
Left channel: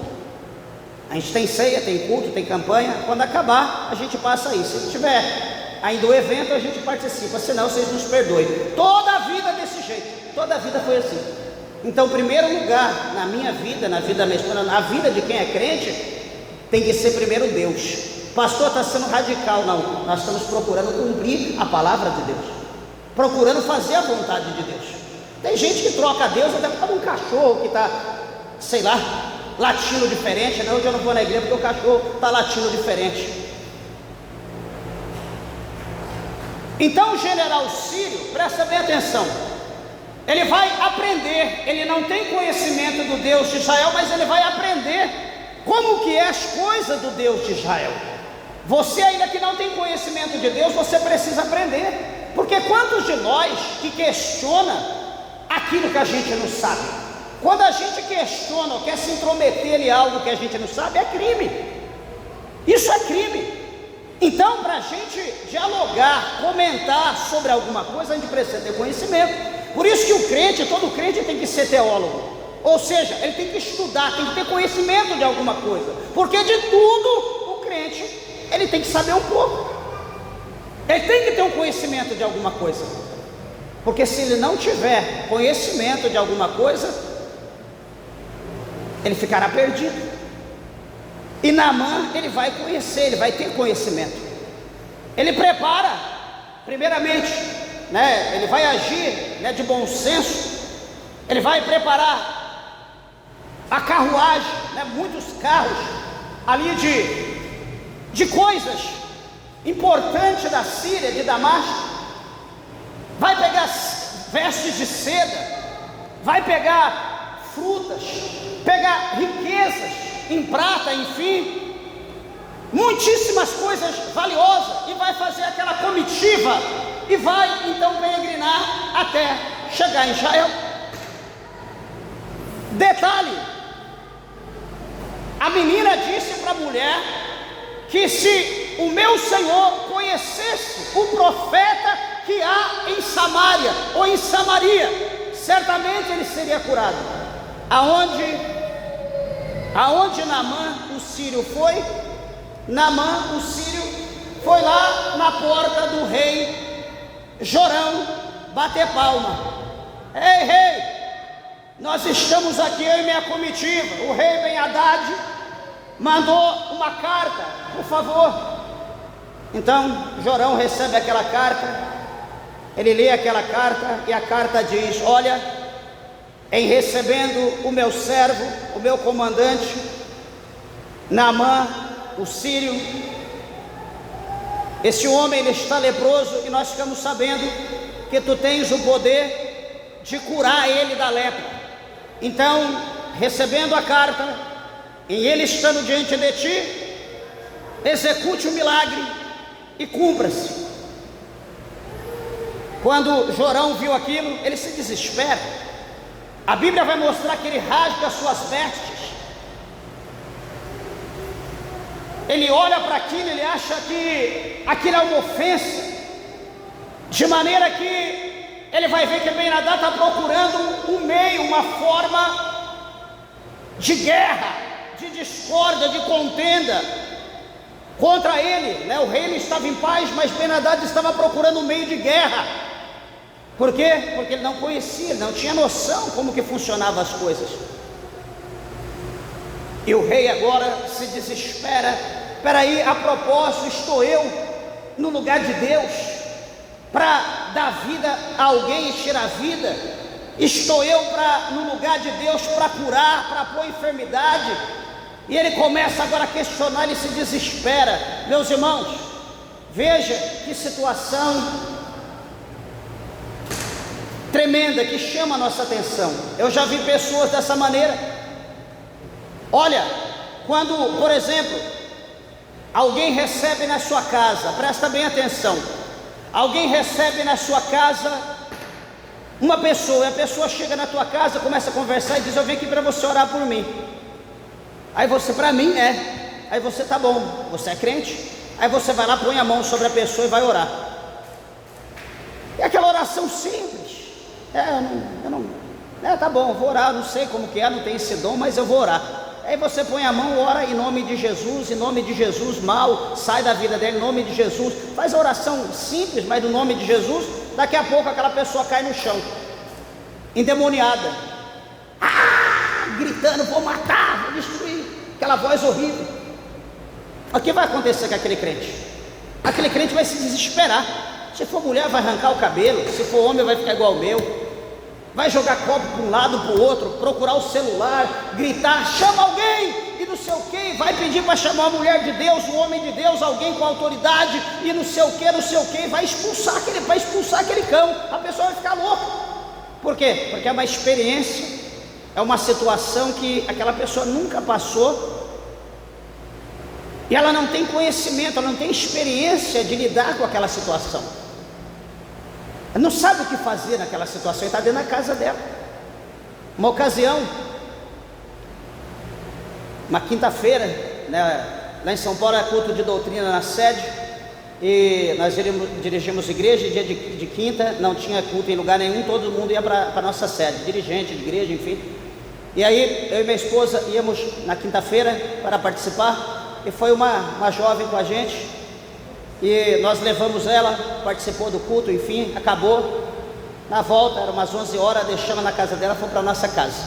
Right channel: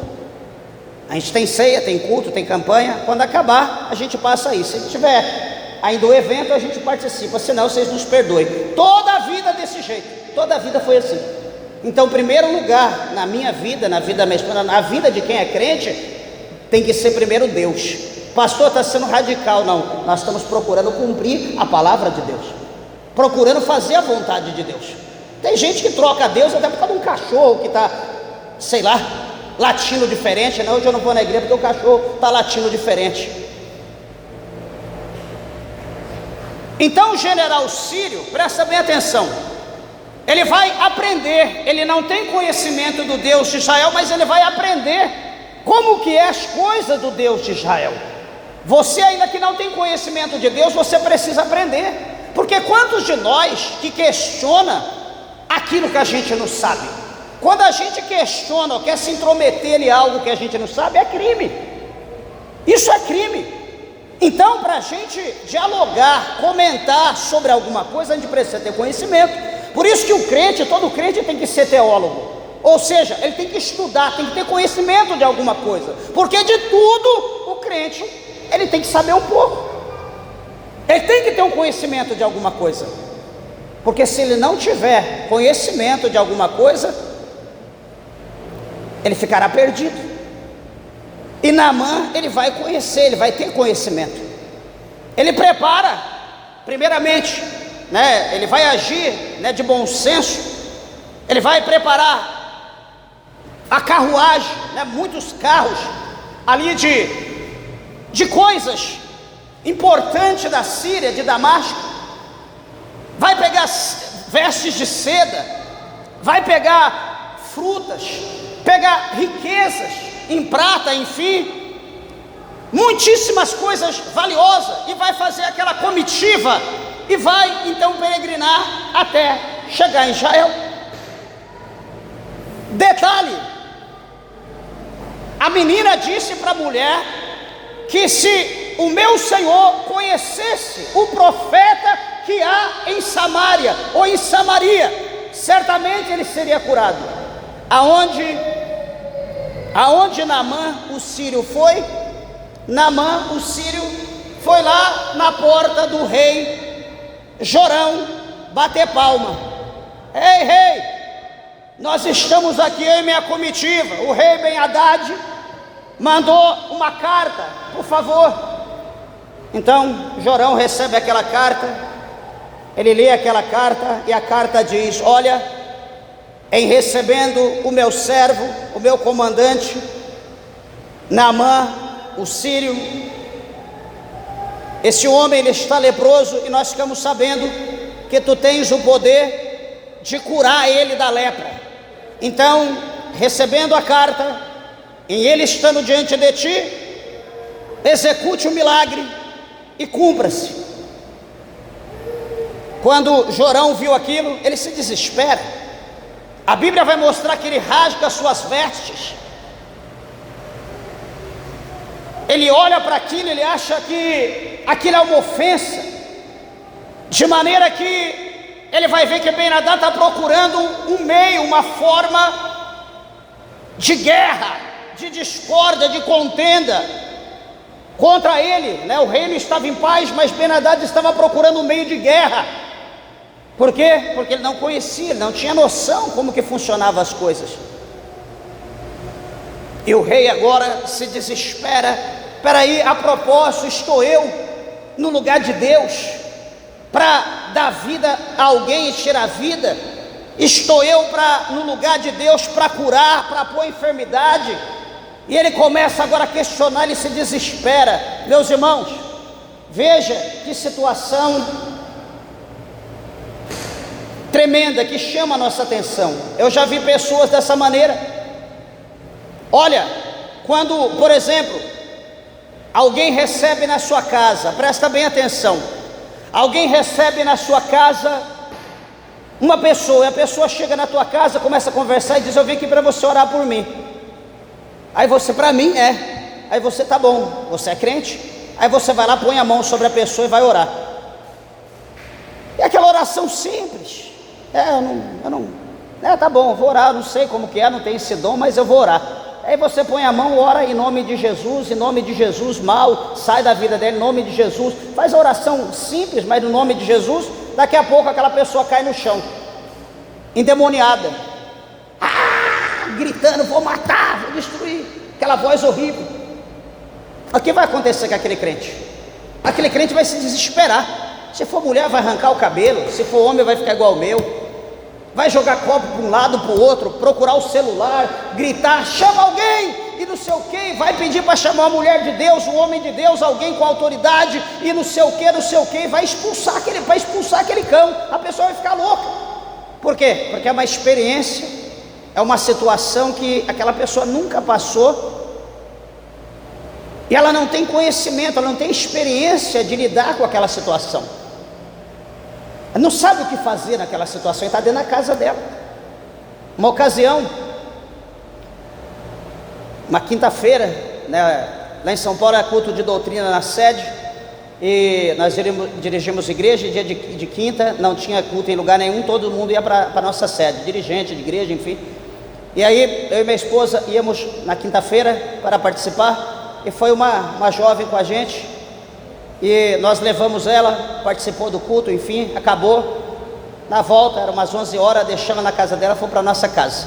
A gente tem ceia, tem culto, tem campanha. Quando acabar, a gente passa isso. Se tiver ainda o evento, a gente participa, senão vocês nos perdoem. Toda a vida desse jeito, toda a vida foi assim. Então, primeiro lugar na minha vida, na vida da minha esposa, na vida de quem é crente, tem que ser primeiro Deus. Pastor, está sendo radical. Não, nós estamos procurando cumprir a palavra de Deus, procurando fazer a vontade de Deus. Tem gente que troca Deus até por causa de um cachorro que está, sei lá, latindo diferente. Não, hoje eu não vou na igreja porque o cachorro está latindo diferente. Então o general Sírio, presta bem atenção, ele vai aprender. Ele não tem conhecimento do Deus de Israel, mas ele vai aprender como que é as coisas do Deus de Israel. Você ainda que não tem conhecimento de Deus, você precisa aprender. Porque quantos de nós que questiona aquilo que a gente não sabe? Quando a gente questiona ou quer se intrometer em algo que a gente não sabe, é crime. Isso é crime. Então, para a gente dialogar, comentar sobre alguma coisa, a gente precisa ter conhecimento. Por isso que o crente, todo crente tem que ser teólogo. Ou seja, ele tem que estudar, tem que ter conhecimento de alguma coisa. Porque de tudo, o crente, ele tem que saber um pouco. Ele tem que ter um conhecimento de alguma coisa. Porque se ele não tiver conhecimento de alguma coisa, ele ficará perdido. E Naamã, ele vai conhecer, ele vai ter conhecimento. Ele prepara, primeiramente, ele vai agir, de bom senso. Ele vai preparar a carruagem, muitos carros ali de coisas importantes da Síria, de Damasco. Vai pegar vestes de seda, vai pegar frutas, pegar riquezas em prata, enfim, muitíssimas coisas valiosas, e vai fazer aquela comitiva, e vai então peregrinar até chegar em Israel. Detalhe, a menina disse para a mulher que se o meu Senhor conhecesse o profeta que há em Samaria, ou em Samaria, certamente ele seria curado. Aonde Naamã o sírio foi? Naamã o sírio foi lá na porta do rei Jorão bater palma. Ei, rei, nós estamos aqui em minha comitiva. O rei Ben-Hadad mandou uma carta, por favor. Então Jorão recebe aquela carta, ele lê aquela carta, e a carta diz: olha, em recebendo o meu servo, o meu comandante, Naamã, o sírio, esse homem ele está leproso, e nós ficamos sabendo que tu tens o poder de curar ele da lepra. Então, recebendo a carta, e ele estando diante de ti, execute o milagre e cumpra-se. Quando Jorão viu aquilo, ele se desespera. A Bíblia vai mostrar que ele rasga as suas vestes. Ele olha para aquilo, ele acha que aquilo é uma ofensa, de maneira que ele vai ver que Ben-Hadad está procurando um meio, uma forma de guerra, de discórdia, de contenda contra ele, O reino estava em paz, mas Ben-Hadad estava procurando um meio de guerra. Por quê? Porque ele não conhecia, ele não tinha noção como que funcionavam as coisas. E o rei agora se desespera. Peraí, a propósito, estou eu no lugar de Deus para dar vida a alguém e tirar a vida? Estou eu no lugar de Deus para curar, para pôr enfermidade? E ele começa agora a questionar, ele se desespera. Meus irmãos, veja que situação tremenda que chama a nossa atenção. Eu já vi pessoas dessa maneira. Olha, quando, por exemplo, alguém recebe na sua casa, presta bem atenção, alguém recebe na sua casa uma pessoa, e a pessoa chega na tua casa, começa a conversar e diz: eu vim aqui para você orar por mim. Aí você: para mim? Aí você: tá bom, você é crente? Aí você vai lá, põe a mão sobre a pessoa e vai orar. É aquela oração simples. Tá bom, eu vou orar, não sei como que é, não tenho esse dom, mas eu vou orar. Aí você põe a mão, ora em nome de Jesus, mal, sai da vida dele, em nome de Jesus, faz a oração simples, mas no nome de Jesus. Daqui a pouco aquela pessoa cai no chão, endemoniada, gritando: vou matar, vou destruir, aquela voz horrível. O que vai acontecer com aquele crente? Aquele crente vai se desesperar. Se for mulher, vai arrancar o cabelo; se for homem, vai ficar igual o meu, vai jogar copo para um lado, para o outro, procurar o celular, gritar: chama alguém, e não sei o que, vai pedir para chamar a mulher de Deus, o homem de Deus, alguém com autoridade, e não sei o que, vai expulsar aquele cão. A pessoa vai ficar louca. Por quê? Porque é uma experiência, é uma situação que aquela pessoa nunca passou, e ela não tem conhecimento, ela não tem experiência de lidar com aquela situação. Ela não sabe o que fazer naquela situação, está dentro da casa dela. Uma ocasião, uma quinta-feira, né, lá em São Paulo é culto de doutrina na sede, e nós dirigimos igreja, e dia de quinta não tinha culto em lugar nenhum, todo mundo ia para a nossa sede, dirigente de igreja, enfim. E aí eu e minha esposa íamos na quinta-feira para participar, e foi uma jovem com a gente, e nós levamos ela, participou do culto, enfim, acabou. Na volta, era umas 11 horas, deixamos na casa dela, fomos para a nossa casa.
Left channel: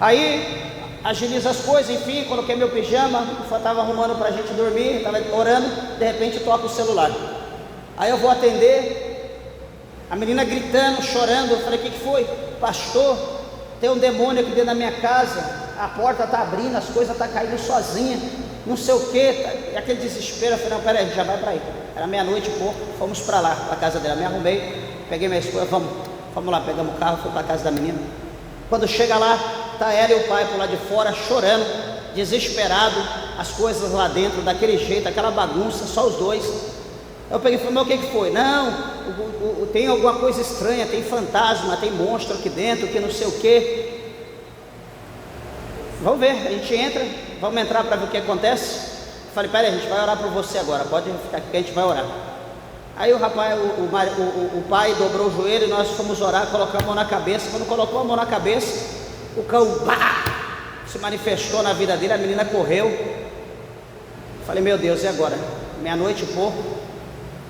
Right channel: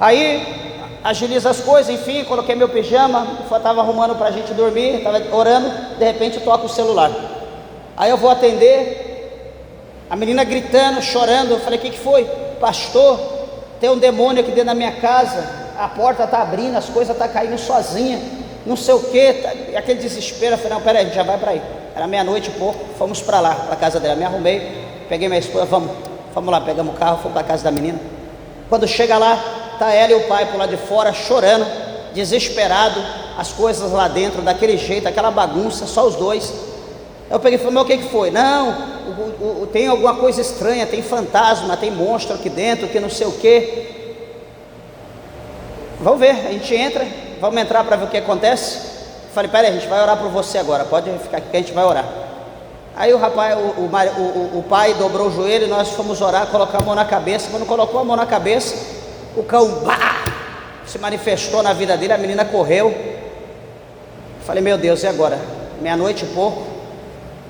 Aí agiliza as coisas, enfim, coloquei meu pijama, estava arrumando para a gente dormir, estava orando, de repente toca o celular. Aí eu vou atender, a menina gritando, chorando. Eu falei: o que foi? Pastor, tem um demônio aqui dentro da minha casa, a porta está abrindo, as coisas estão caindo sozinha, não sei o que, e aquele desespero. Eu falei: não, peraí, a gente já vai para aí. Era meia-noite e pouco, fomos para lá, para a casa dela. Me arrumei, peguei minha esposa, vamos lá, pegamos o carro, fui para a casa da menina. Quando chega lá, está ela e o pai por lá de fora, chorando, desesperado, as coisas lá dentro, daquele jeito, aquela bagunça, só os dois. Eu peguei e falei: mas o que foi? Não, tem alguma coisa estranha, tem fantasma, tem monstro aqui dentro, que não sei o que. Vamos ver, a gente entra, vamos entrar para ver o que acontece. Eu falei: peraí, a gente vai orar por você agora, pode ficar aqui que a gente vai orar. Aí o rapaz, o pai dobrou o joelho e nós fomos orar, colocar a mão na cabeça. Quando colocou a mão na cabeça, o cão se manifestou na vida dele, a menina correu. Falei: meu Deus, e agora? Meia-noite e pouco,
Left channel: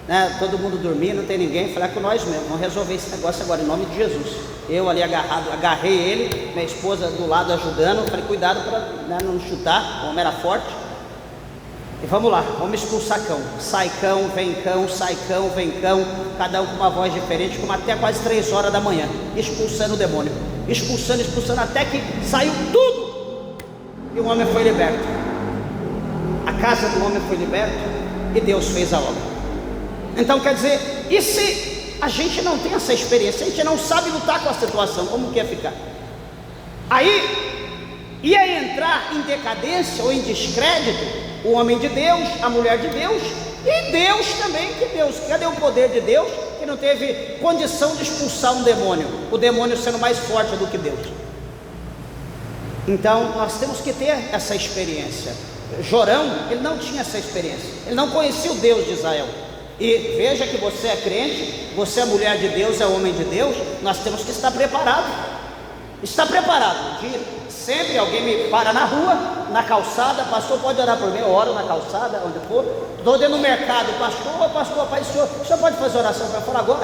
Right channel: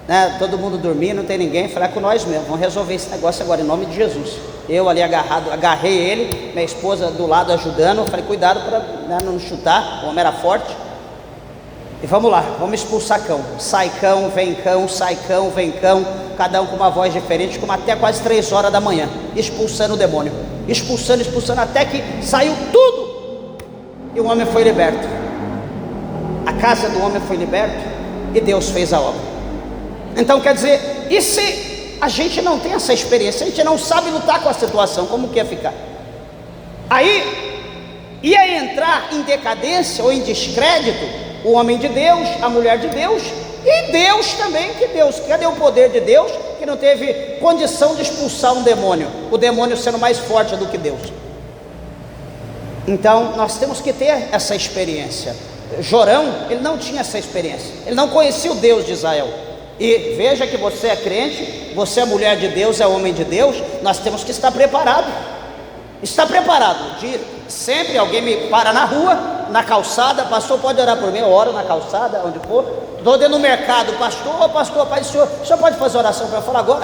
né? Todo mundo dormindo, não tem ninguém. Falei: é com nós mesmo, vamos resolver esse negócio agora, em nome de Jesus. Eu ali agarrado, agarrei ele, minha esposa do lado ajudando. Falei: cuidado para, né, não chutar, o homem era forte. E vamos lá, vamos expulsar cão. Sai cão, vem cão, sai cão, vem cão, cada um com uma voz diferente, como até quase 3 horas da manhã, expulsando o demônio, expulsando, até que saiu tudo, e o homem foi liberto. A casa do homem foi liberta, e Deus fez a obra. Então quer dizer, e se a gente não tem essa experiência, a gente não sabe lutar com a situação, como que ia ficar? Aí ia entrar em decadência ou em descrédito o homem de Deus, a mulher de Deus, e Deus também. Que Deus, cadê o poder de Deus, que não teve condição de expulsar um demônio, o demônio sendo mais forte do que Deus? Então nós temos que ter essa experiência. Jorão, ele não tinha essa experiência, ele não conhecia o Deus de Israel. E veja que você é crente, você é mulher de Deus, é homem de Deus. Nós temos que estar preparado. Está preparado? Sempre alguém me para na rua, na calçada: pastor, pode orar por mim? Eu oro na calçada, onde for. Estou dentro do mercado: pastor, pai, o senhor pode fazer oração para eu falar agora?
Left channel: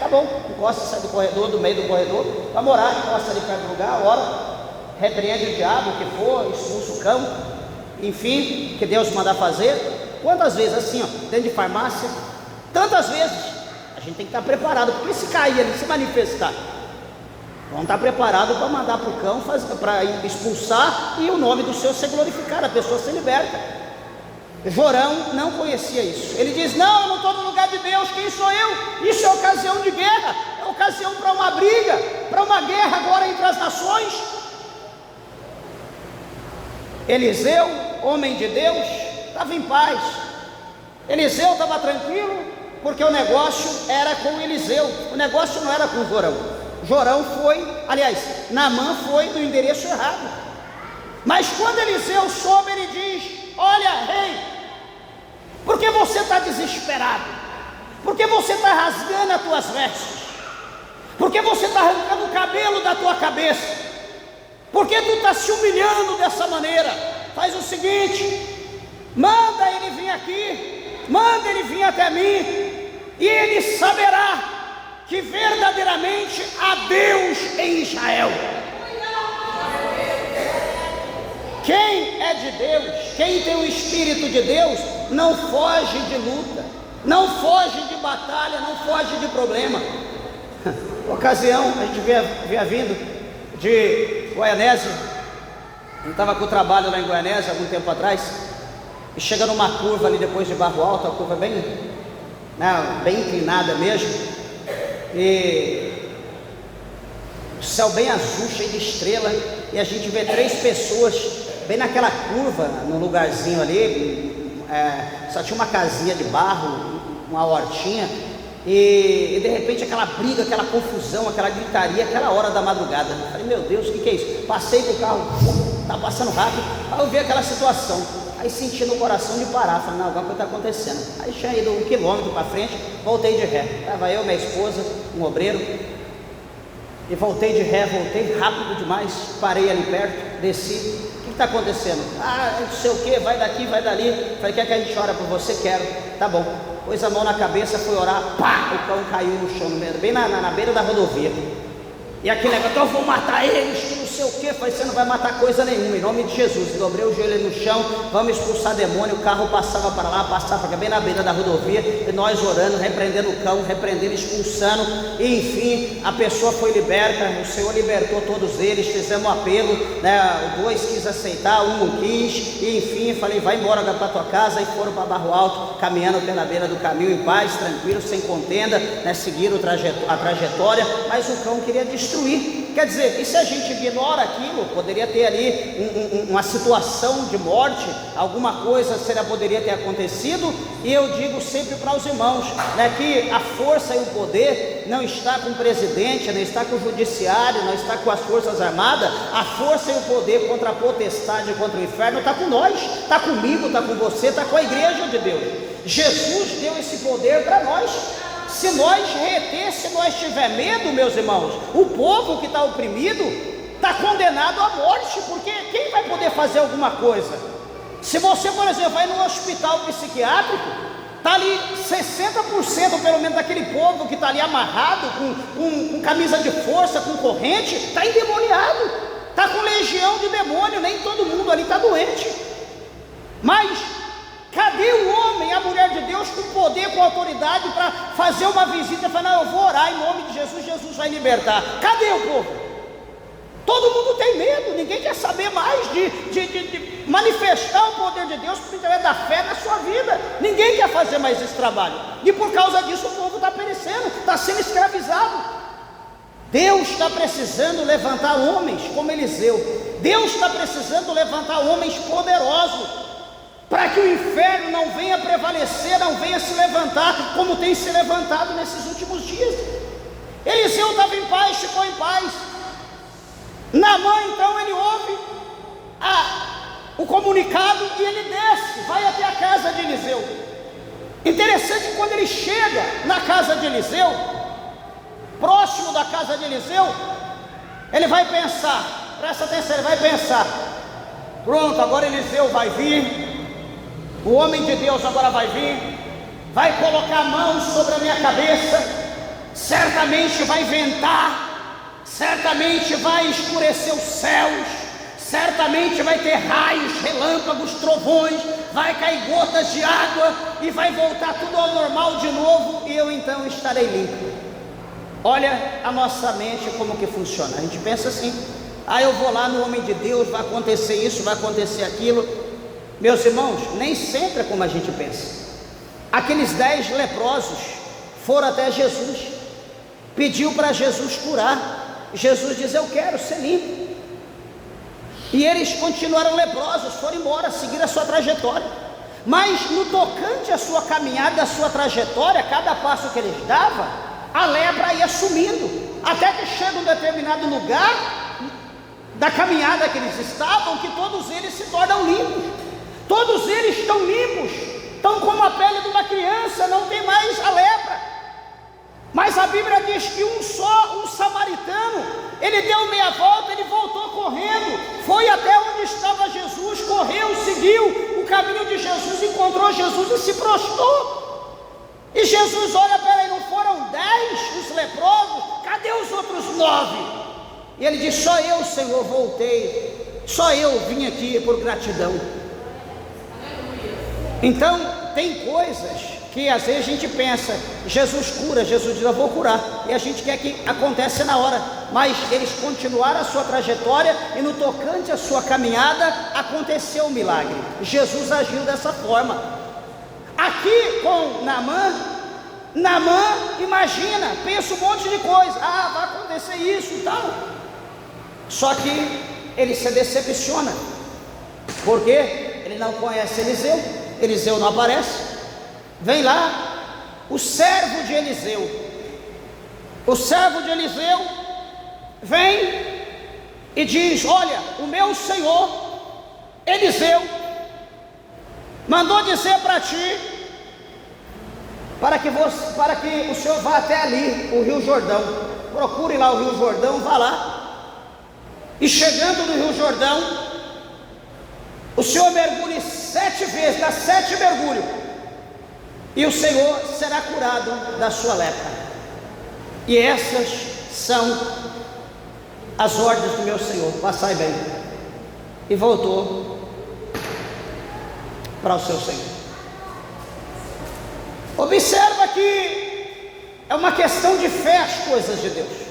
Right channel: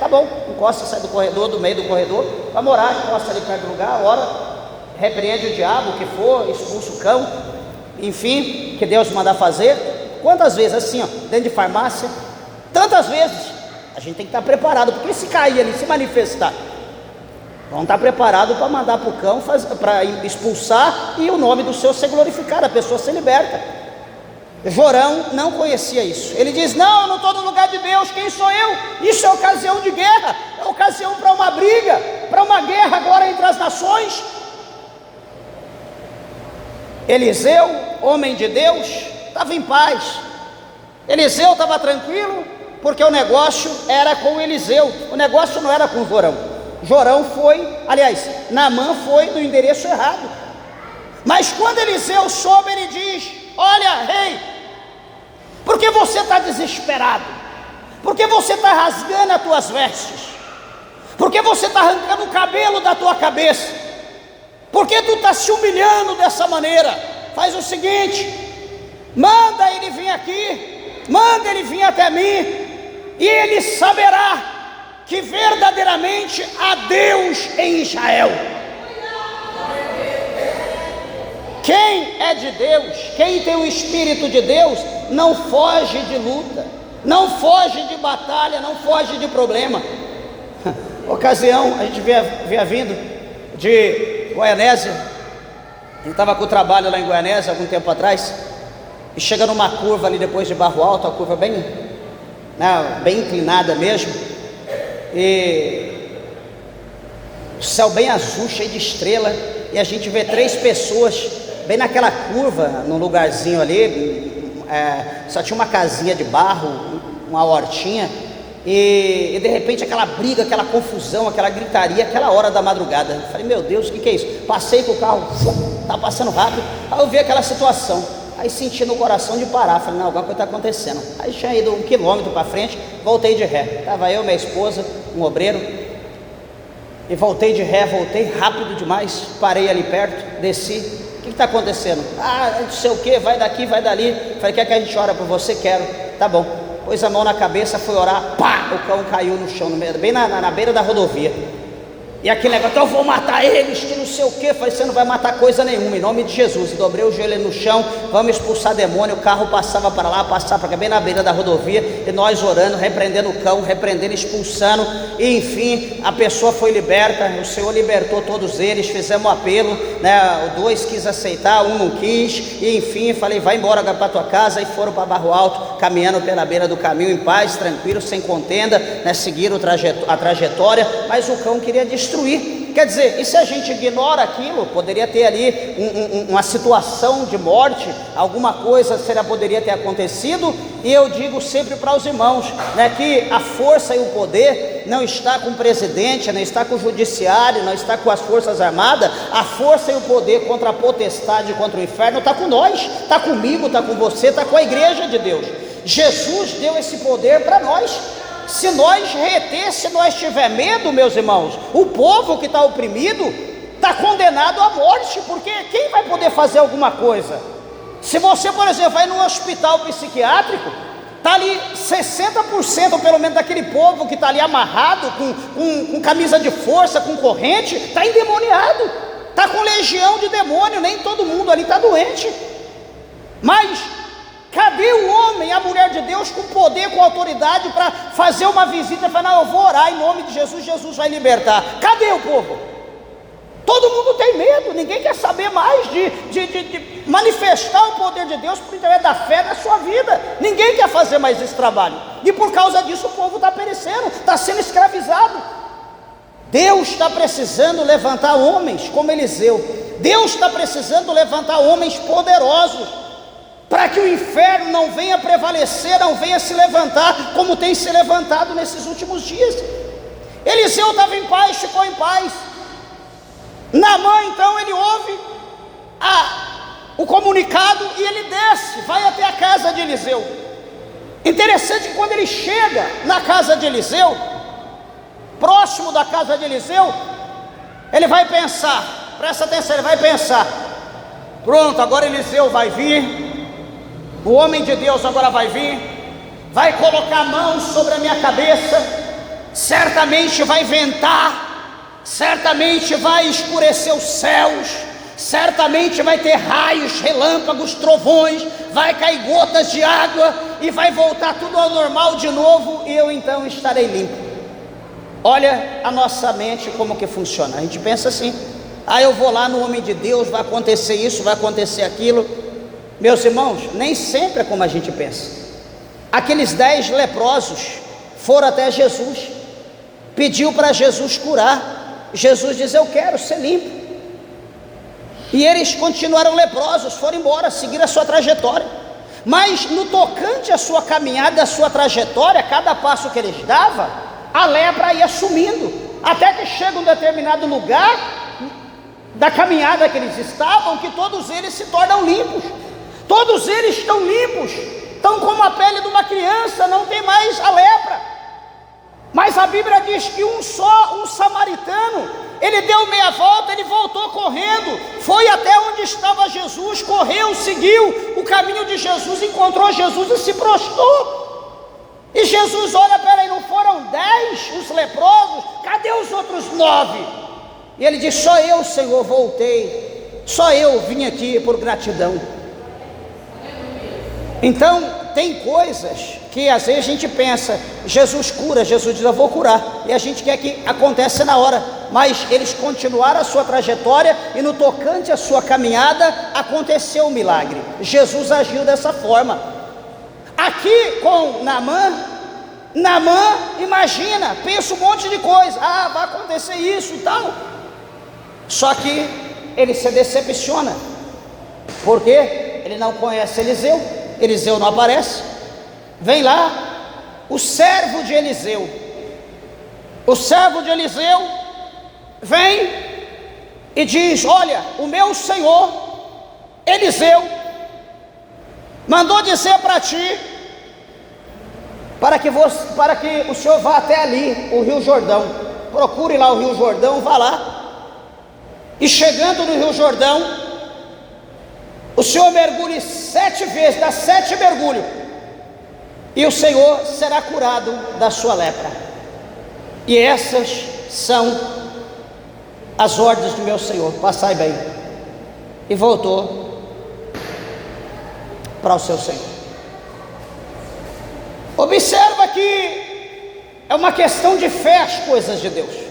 Tá bom, encosta, sai do corredor, do meio do corredor, vamos orar, encosta ali perto do lugar, ora, repreende o diabo, o que for, expulsa o cão, enfim, que Deus mandar fazer. Quantas vezes, assim, ó, dentro de farmácia, tantas vezes, a gente tem que estar preparado, porque se cair ali, se manifestar, Vão estar preparados para mandar para o cão, para expulsar e o nome do Senhor ser glorificado, a pessoa ser liberta. Jorão não conhecia isso. Ele diz: não, eu não estou no lugar de Deus, quem sou eu? Isso é ocasião de guerra, é ocasião para uma briga, para uma guerra agora entre as nações. Eliseu, homem de Deus, estava em paz. Eliseu estava tranquilo, porque o negócio era com Eliseu, o negócio não era com Jorão. Jorão foi, aliás, Naamã foi no endereço errado. Mas quando Eliseu soube, ele diz: olha, rei, por que você está desesperado? Por que você está rasgando as tuas vestes? Por que você está arrancando o cabelo da tua cabeça? Por que tu está se humilhando dessa maneira? Faz o seguinte, manda ele vir aqui, manda ele vir até mim, e ele saberá que verdadeiramente há Deus em Israel. Quem é de Deus, quem tem o Espírito de Deus, não foge de luta, não foge de batalha, não foge de problema. Ocasião, a gente via vindo de Goianésia, ele estava com o trabalho lá em Goianésia algum tempo atrás, e chega numa curva ali depois de Barro Alto, a curva bem, bem inclinada mesmo, e o céu bem azul, cheio de estrela, e a gente vê 3 pessoas bem naquela curva, num lugarzinho ali, só tinha uma casinha de barro, uma hortinha, e de repente aquela briga, aquela confusão, aquela gritaria, aquela hora da madrugada. Eu falei: meu Deus, o que é isso? Passei com o carro, tá passando rápido, aí eu vi aquela situação, aí senti no coração de parar. Falei: não, alguma coisa está acontecendo. Aí tinha ido 1 quilômetro para frente, voltei de ré, estava eu, minha esposa, um obreiro, e voltei de ré, voltei rápido demais, parei ali perto, desci. O que está acontecendo? Não sei o que, vai daqui, vai dali. Falei: quer que a gente ora por você? Quero. Tá bom. Pôs a mão na cabeça, foi orar, pá, o cão caiu no chão, bem na beira da rodovia. E aquele negócio: eu vou matar eles, que não sei o que. Falei: você não vai matar coisa nenhuma, em nome de Jesus. Dobrei o joelho no chão, vamos expulsar demônio. O carro passava para lá, passava para cá, bem na beira da rodovia, e nós orando, repreendendo o cão, repreendendo, expulsando, e enfim, a pessoa foi liberta. O Senhor libertou todos eles, fizemos um apelo, né? O 2 quis aceitar, 1 não quis, e enfim, falei: vai embora agora para tua casa. E foram para Barro Alto, caminhando pela beira do caminho, em paz, tranquilo, sem contenda, né? Seguiram a trajetória, mas o cão queria destruir. Quer dizer, e se a gente ignora aquilo, poderia ter ali uma situação de morte, alguma coisa poderia ter acontecido. E eu digo sempre para os irmãos, né, que a força e o poder não está com o presidente, não está com o judiciário, não está com as forças armadas. A força e o poder contra a potestade, contra o inferno, está com nós, está comigo, está com você, está com a igreja de Deus. Jesus deu esse poder para nós. Se nós reter, se nós tiver medo, meus irmãos, o povo que está oprimido está condenado à morte, porque quem vai poder fazer alguma coisa? Se você, por exemplo, vai num hospital psiquiátrico, está ali 60% pelo menos daquele povo que está ali amarrado, com camisa de força, com corrente, está endemoniado, está com legião de demônio. Nem todo mundo ali está doente, mas cadê o homem, a mulher de Deus com poder, com autoridade para fazer uma visita e falar: não, eu vou orar em nome de Jesus, Jesus vai libertar? Cadê o povo? Todo mundo tem medo, ninguém quer saber mais de manifestar o poder de Deus por intermédio da fé na sua vida. Ninguém quer fazer mais esse trabalho, e por causa disso o povo está perecendo, está sendo escravizado. Deus está precisando levantar homens como Eliseu. Deus está precisando levantar homens poderosos, para que o inferno não venha prevalecer, não venha se levantar como tem se levantado nesses últimos dias. Eliseu estava em paz, ficou em paz. Naamã, então, ele ouve o comunicado e ele desce, vai até a casa de Eliseu. Interessante que quando ele chega na casa de Eliseu, próximo da casa de Eliseu, ele vai pensar, presta atenção, ele vai pensar: pronto, agora Eliseu vai vir, o homem de Deus agora vai vir, vai colocar a mão sobre a minha cabeça, certamente vai ventar, certamente vai escurecer os céus, certamente vai ter raios, relâmpagos, trovões, vai cair gotas de água e vai voltar tudo ao normal de novo, e eu então estarei limpo. Olha a nossa mente como que funciona. A gente pensa assim: eu vou lá no homem de Deus, vai acontecer isso, vai acontecer aquilo. Meus irmãos, nem sempre é como a gente pensa. Aqueles 10 leprosos foram até Jesus, pediu para Jesus curar. Jesus diz: eu quero ser limpo. E eles continuaram leprosos, foram embora, seguiram a sua trajetória. Mas no tocante à sua caminhada, à sua trajetória, cada passo que eles davam, a lepra ia sumindo, até que chega um determinado lugar da caminhada que eles estavam, que todos eles se tornam limpos. Todos eles estão limpos, estão como a pele de uma criança, não tem mais a lepra. Mas a Bíblia diz que um samaritano, ele deu meia volta, ele voltou correndo, foi até onde estava Jesus, correu, seguiu o caminho de Jesus, encontrou Jesus e se prostrou. E Jesus olha: peraí, não foram 10 os leprosos? Cadê os outros 9? E ele diz: só eu, Senhor, voltei, só eu vim aqui por gratidão. Então, tem coisas que às vezes a gente pensa: Jesus cura, Jesus diz: eu vou curar, e a gente quer que aconteça na hora. Mas eles continuaram a sua trajetória, e no tocante à sua caminhada, aconteceu o milagre. Jesus agiu dessa forma. Aqui com Naamã, imagina, pensa um monte de coisa: vai acontecer isso e tal. Só que ele se decepciona, porque ele não conhece Eliseu. Eliseu não aparece. Vem lá o servo de Eliseu. O servo de Eliseu vem e diz: olha, o meu senhor Eliseu mandou dizer para ti, para que o senhor vá até ali, o Rio Jordão. Procure lá o Rio Jordão, vá lá. E chegando no Rio Jordão, o senhor mergulhe 7 vezes, dá 7 mergulhos, e o Senhor será curado da sua lepra. E essas são as ordens do meu Senhor. Passai bem. E voltou para o seu Senhor. Observa que é uma questão de fé as coisas de Deus.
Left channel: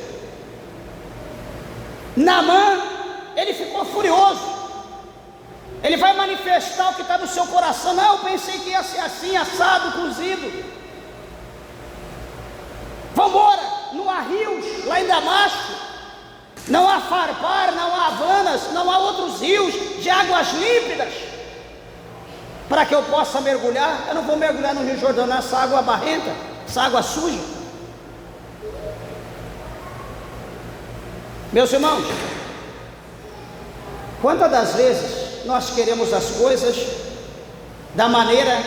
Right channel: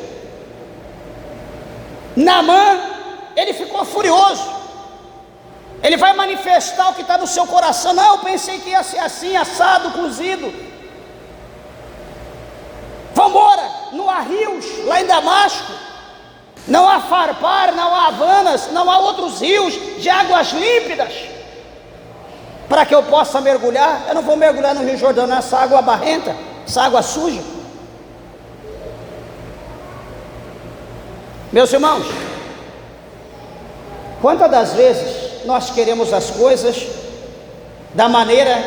Naamã, ele ficou furioso. Ele vai manifestar o que está no seu coração. Não, eu pensei que ia ser assim, assado, cozido. Vamos embora. Não há rios lá em Damasco, não há Farpar, não há Havanas, não há outros rios de águas límpidas para que eu possa mergulhar. Eu não vou mergulhar no Rio Jordão, nessa água barrenta, essa água suja. Meus irmãos, quantas das vezes nós queremos as coisas da maneira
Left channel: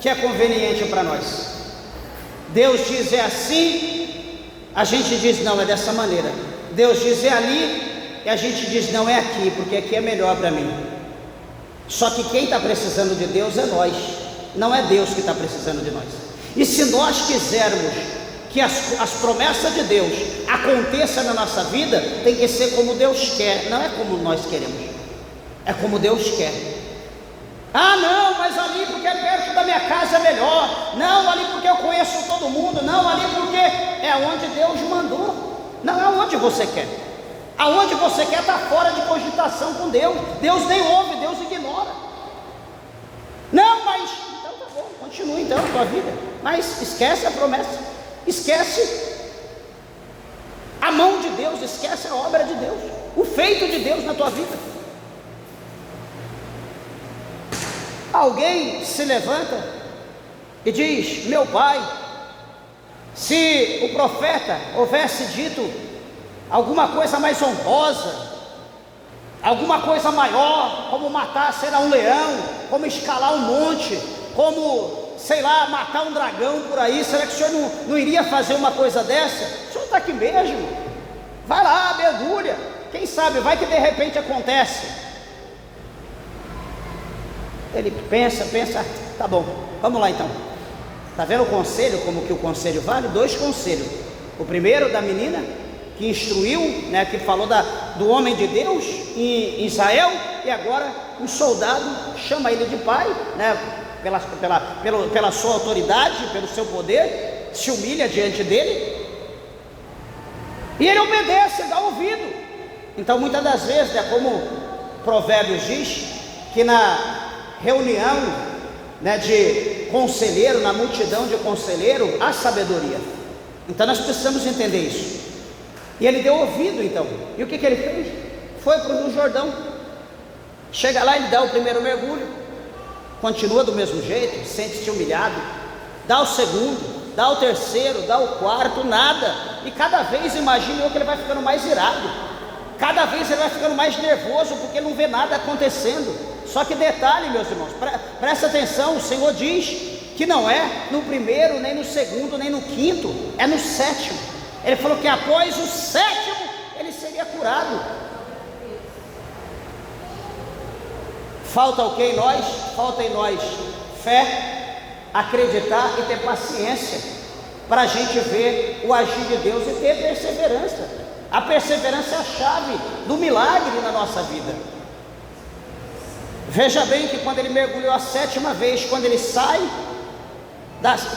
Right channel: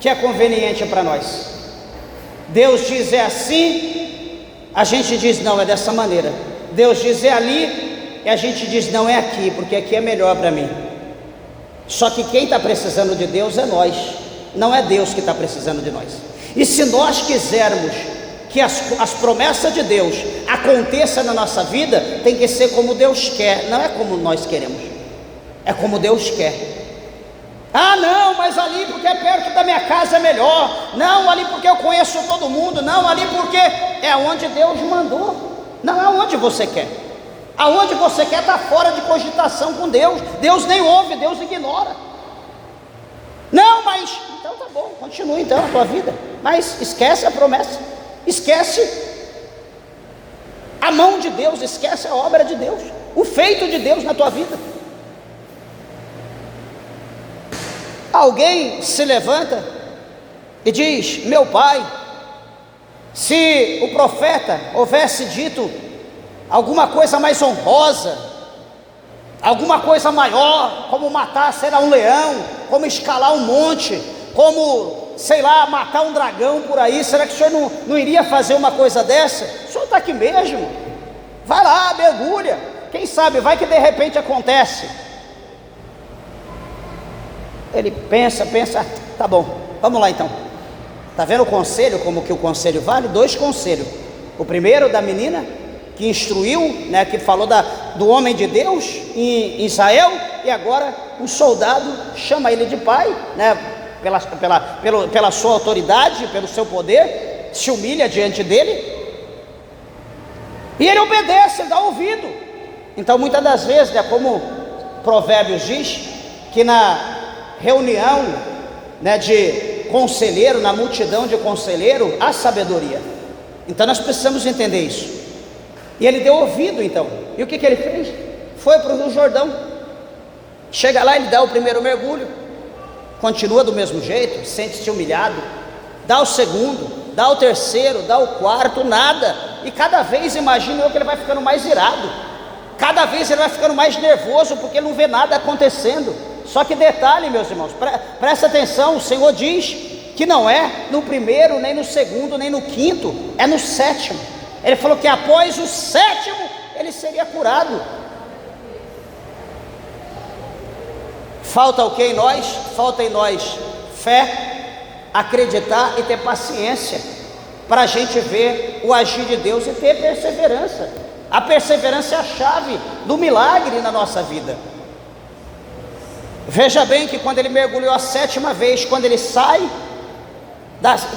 que é conveniente para nós? Deus diz é assim, a gente diz não, é dessa maneira. Deus diz é ali, e a gente diz não, é aqui, porque aqui é melhor para mim. Só que quem está precisando de Deus é nós, não é Deus que está precisando de nós. E se nós quisermos que as promessas de Deus aconteçam na nossa vida, tem que ser como Deus quer, não é como nós queremos. É como Deus quer. Não, mas ali porque é perto da minha casa é melhor. Não, ali porque eu conheço todo mundo. Não, ali porque é onde Deus mandou. Não é onde você quer. Aonde você quer está fora de cogitação com Deus. Deus nem ouve, Deus ignora. Não, mas então tá bom, continua então a tua vida. Mas esquece a promessa. Esquece a mão de Deus. Esquece a obra de Deus. O feito de Deus na tua vida. Alguém se levanta e diz: meu pai, se o profeta houvesse dito alguma coisa mais honrosa, alguma coisa maior, como matar, sei lá, um leão, como escalar um monte, como, sei lá, matar um dragão por aí, será que o senhor não iria fazer uma coisa dessa? O senhor está aqui mesmo, vai lá, mergulha, quem sabe, vai que de repente acontece. Ele pensa, tá bom, vamos lá então. Está vendo o conselho, como que o conselho vale? 2 conselhos. O primeiro da menina que instruiu, né, que falou do homem de Deus em Israel, e agora um soldado chama ele de pai, né, pela sua autoridade, pelo seu poder, se humilha diante dele. E ele obedece, ele dá ouvido. Então muitas das vezes, como Provérbios diz, que na reunião, de conselheiro, na multidão de conselheiro, há sabedoria. Então nós precisamos entender isso. E ele deu ouvido então. E o que ele fez? Foi para o Rio Jordão. Chega lá, ele dá o primeiro mergulho, continua do mesmo jeito, sente-se humilhado, dá o segundo, dá o terceiro, dá o quarto, nada. E cada vez, imagine eu, que ele vai ficando mais irado, cada vez ele vai ficando mais nervoso, porque não vê nada acontecendo. Só que detalhe, meus irmãos, presta atenção, o Senhor diz que não é no primeiro, nem no segundo, nem no quinto, é no sétimo. Ele falou que após o sétimo ele seria curado. Falta o que em nós? Falta em nós fé, acreditar e ter paciência, para a gente ver o agir de Deus e ter perseverança. A perseverança é a chave do milagre na nossa vida. Veja bem que quando ele mergulhou a sétima vez, quando ele sai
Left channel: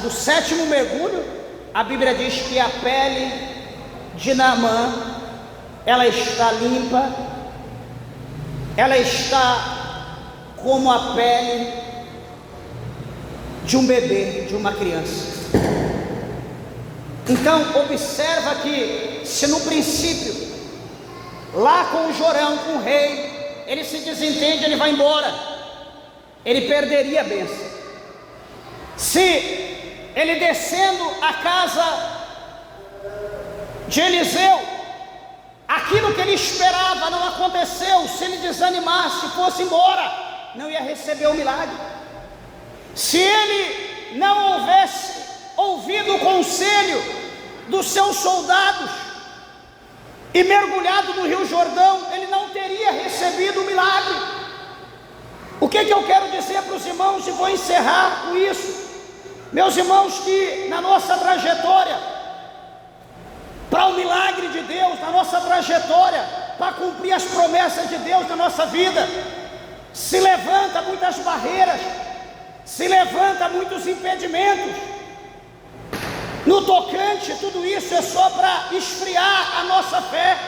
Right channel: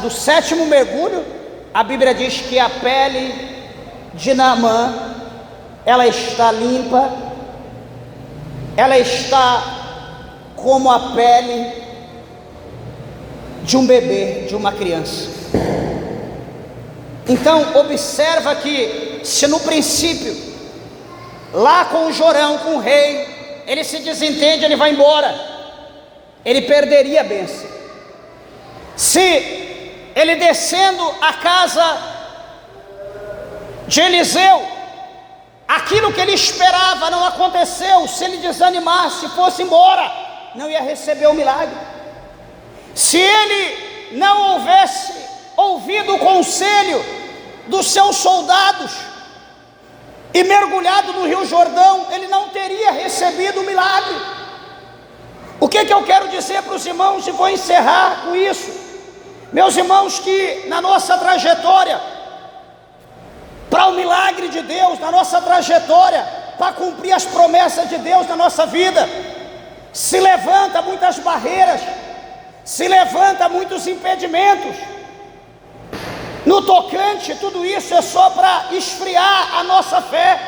do sétimo mergulho, a Bíblia diz que a pele de Naamã, ela está limpa, ela está como a pele de um bebê, de uma criança. Então observa que se no princípio, lá com o Jorão, com o rei, ele se desentende, ele vai embora, ele perderia a bênção. Se ele descendo a casa de Eliseu, aquilo que ele esperava não aconteceu, se ele desanimasse, fosse embora, não ia receber o milagre. Se ele não houvesse ouvido o conselho dos seus soldados e mergulhado no Rio Jordão, ele não teria recebido o milagre. O que eu quero dizer para os irmãos, e vou encerrar com isso, meus irmãos, que na nossa trajetória para o milagre de Deus, na nossa trajetória para cumprir as promessas de Deus na nossa vida, se levanta muitas barreiras, se levanta muitos impedimentos. No tocante, tudo isso é só para esfriar a nossa fé,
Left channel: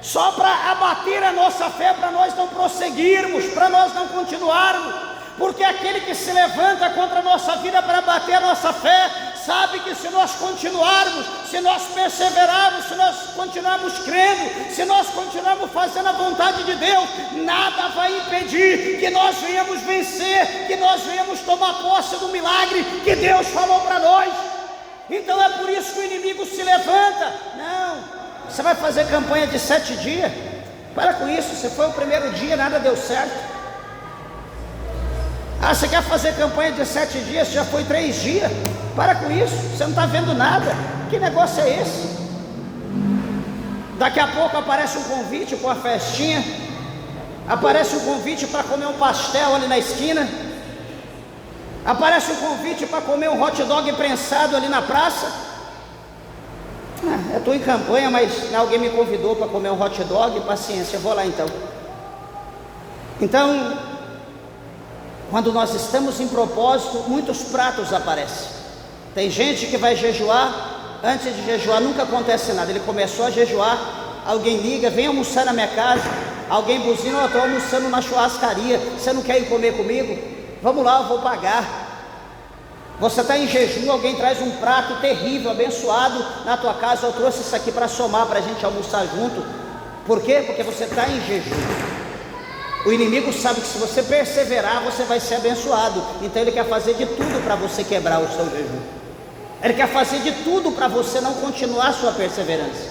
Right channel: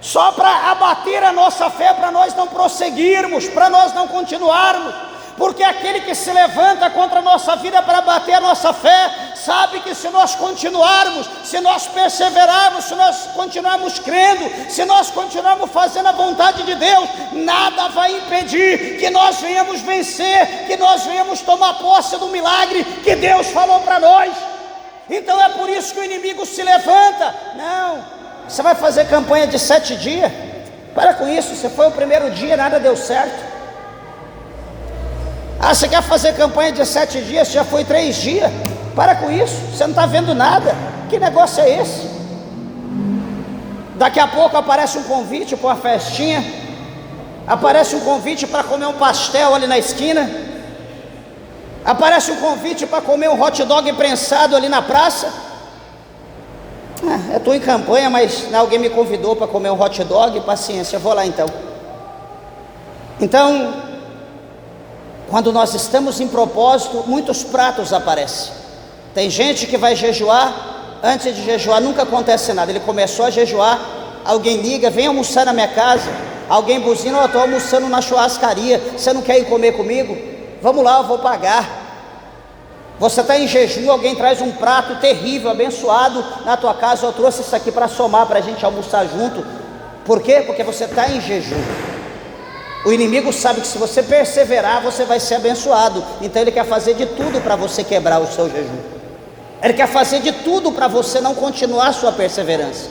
só para abater a nossa fé, para nós não prosseguirmos, para nós não continuarmos, porque aquele que se levanta contra a nossa vida para abater a nossa fé, sabe que se nós continuarmos, se nós perseverarmos, se nós continuarmos crendo, se nós continuarmos fazendo a vontade de Deus, nada vai impedir que nós venhamos vencer, que nós venhamos tomar posse do milagre que Deus falou para nós. Então é por isso que o inimigo se levanta. Não, você vai fazer campanha de 7 dias? Para com isso, você foi o primeiro dia, nada deu certo. Ah, você quer fazer campanha de 7 dias, já foi 3 dias? Para com isso, você não está vendo nada. Que negócio é esse? Daqui a pouco aparece um convite para uma festinha, aparece um convite para comer um pastel ali na esquina, aparece um convite para comer um hot dog prensado ali na praça. Eu estou em campanha, mas alguém me convidou para comer um hot dog, paciência, eu vou lá então. Então, quando nós estamos em propósito, muitos pratos aparecem. Tem gente que vai jejuar, antes de jejuar nunca acontece nada. Ele começou a jejuar, alguém liga, vem almoçar na minha casa, alguém buzina, eu estou almoçando na churrascaria, você não quer ir comer comigo? Vamos lá, eu vou pagar. Você está em jejum, alguém traz um prato terrível, abençoado na tua casa, eu trouxe isso aqui para somar, para a gente almoçar junto. Por quê? Porque você está em jejum. O inimigo sabe que se você perseverar, você vai ser abençoado. Então ele quer fazer de tudo para você quebrar o seu jejum. Ele quer fazer de tudo para você não continuar a sua perseverança.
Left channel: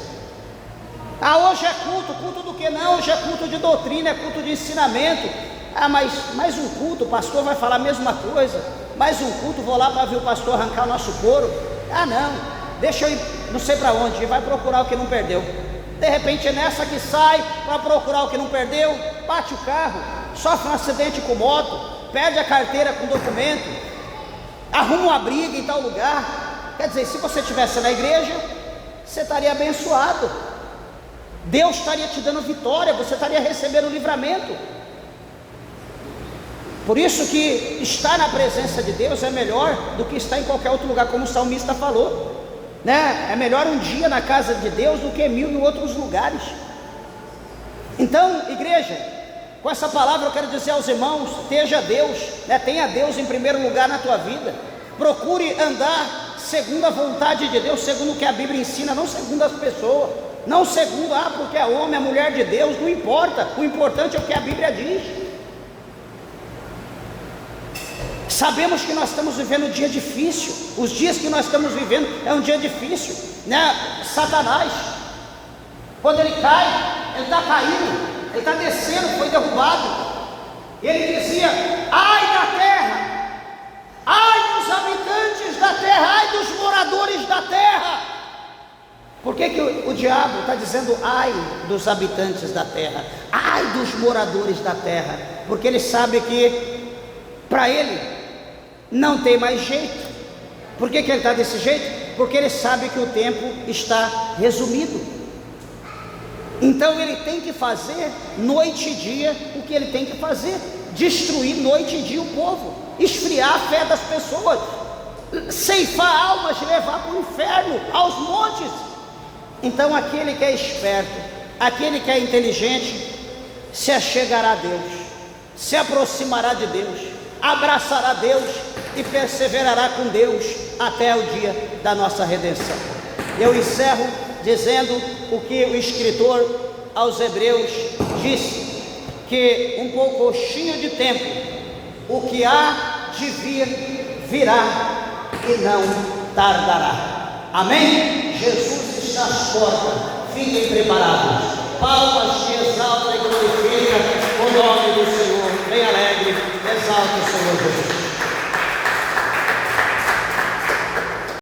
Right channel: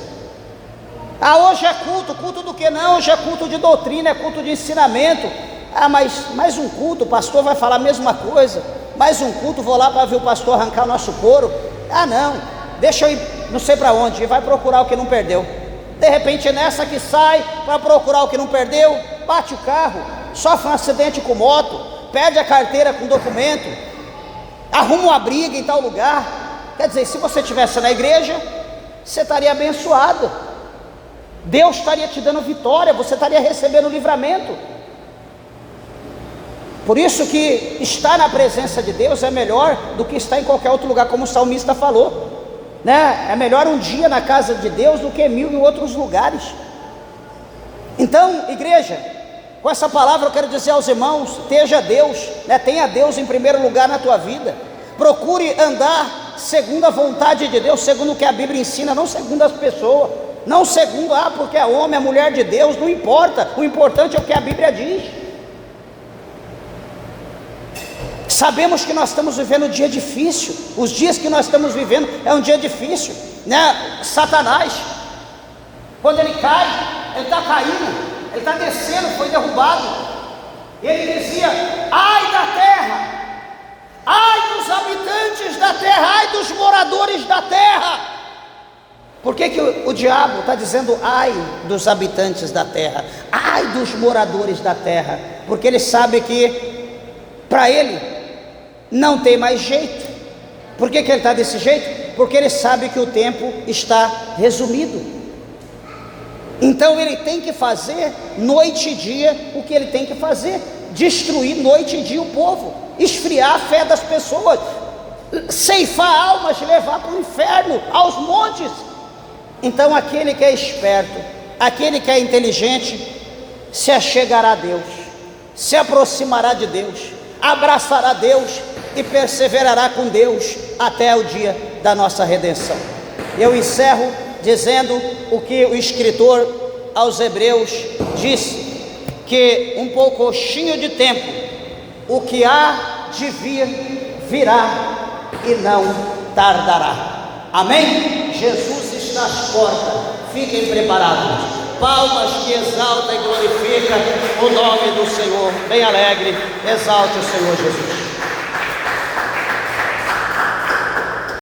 Ah, hoje é culto, culto do que não? Hoje é culto de doutrina, é culto de ensinamento. Ah, mas mais um culto, o pastor vai falar a mesma coisa. Mais um culto, vou lá para ver o pastor arrancar o nosso couro. Ah não, deixa eu ir não sei para onde, e vai procurar o que não perdeu. De repente nessa que sai para procurar o que não perdeu, bate o carro, sofre um acidente com moto, perde a carteira com documento, arruma uma briga em tal lugar. Quer dizer, se você estivesse na igreja, você estaria abençoado, Deus estaria te dando vitória, você estaria recebendo livramento. Por isso que estar na presença de Deus é melhor do que estar em qualquer outro lugar, como o salmista falou. né? É melhor um dia na casa de Deus do que 1000 em outros lugares. Então, igreja, com essa palavra eu quero dizer aos irmãos: esteja Deus, né? Tenha Deus em primeiro lugar na tua vida. Procure andar segundo a vontade de Deus, segundo o que a Bíblia ensina, não segundo as pessoas, não segundo, porque é homem, é mulher de Deus, não importa, o importante é o que a Bíblia diz. Sabemos que nós estamos vivendo um dia difícil, os dias que nós estamos vivendo é um dia difícil, né? Satanás, quando ele cai, ele está caindo, ele está descendo, foi derrubado. Ele dizia: ai da terra, ai dos habitantes da terra, ai dos moradores da terra. Por que o diabo está dizendo ai dos habitantes da terra, ai dos moradores da terra? Porque ele sabe que para ele não tem mais jeito. Por que ele está desse jeito? Porque ele sabe que o tempo está resumido. Então ele tem que fazer noite e dia o que ele tem que fazer: destruir noite e dia o povo, esfriar a fé das pessoas, ceifar almas, levar para o inferno, aos montes. Então aquele que é esperto, aquele que é inteligente, se achegará a Deus, se aproximará de Deus, abraçará Deus e perseverará com Deus até o dia da nossa redenção. Eu encerro dizendo o que o escritor aos Hebreus disse: que um pouquinho de tempo, o que há de vir, virá e não tardará. Amém? Jesus está às portas, fiquem preparados. Palmas que exalta e glorifica o nome do Senhor. Bem alegre, exalta o Senhor Jesus.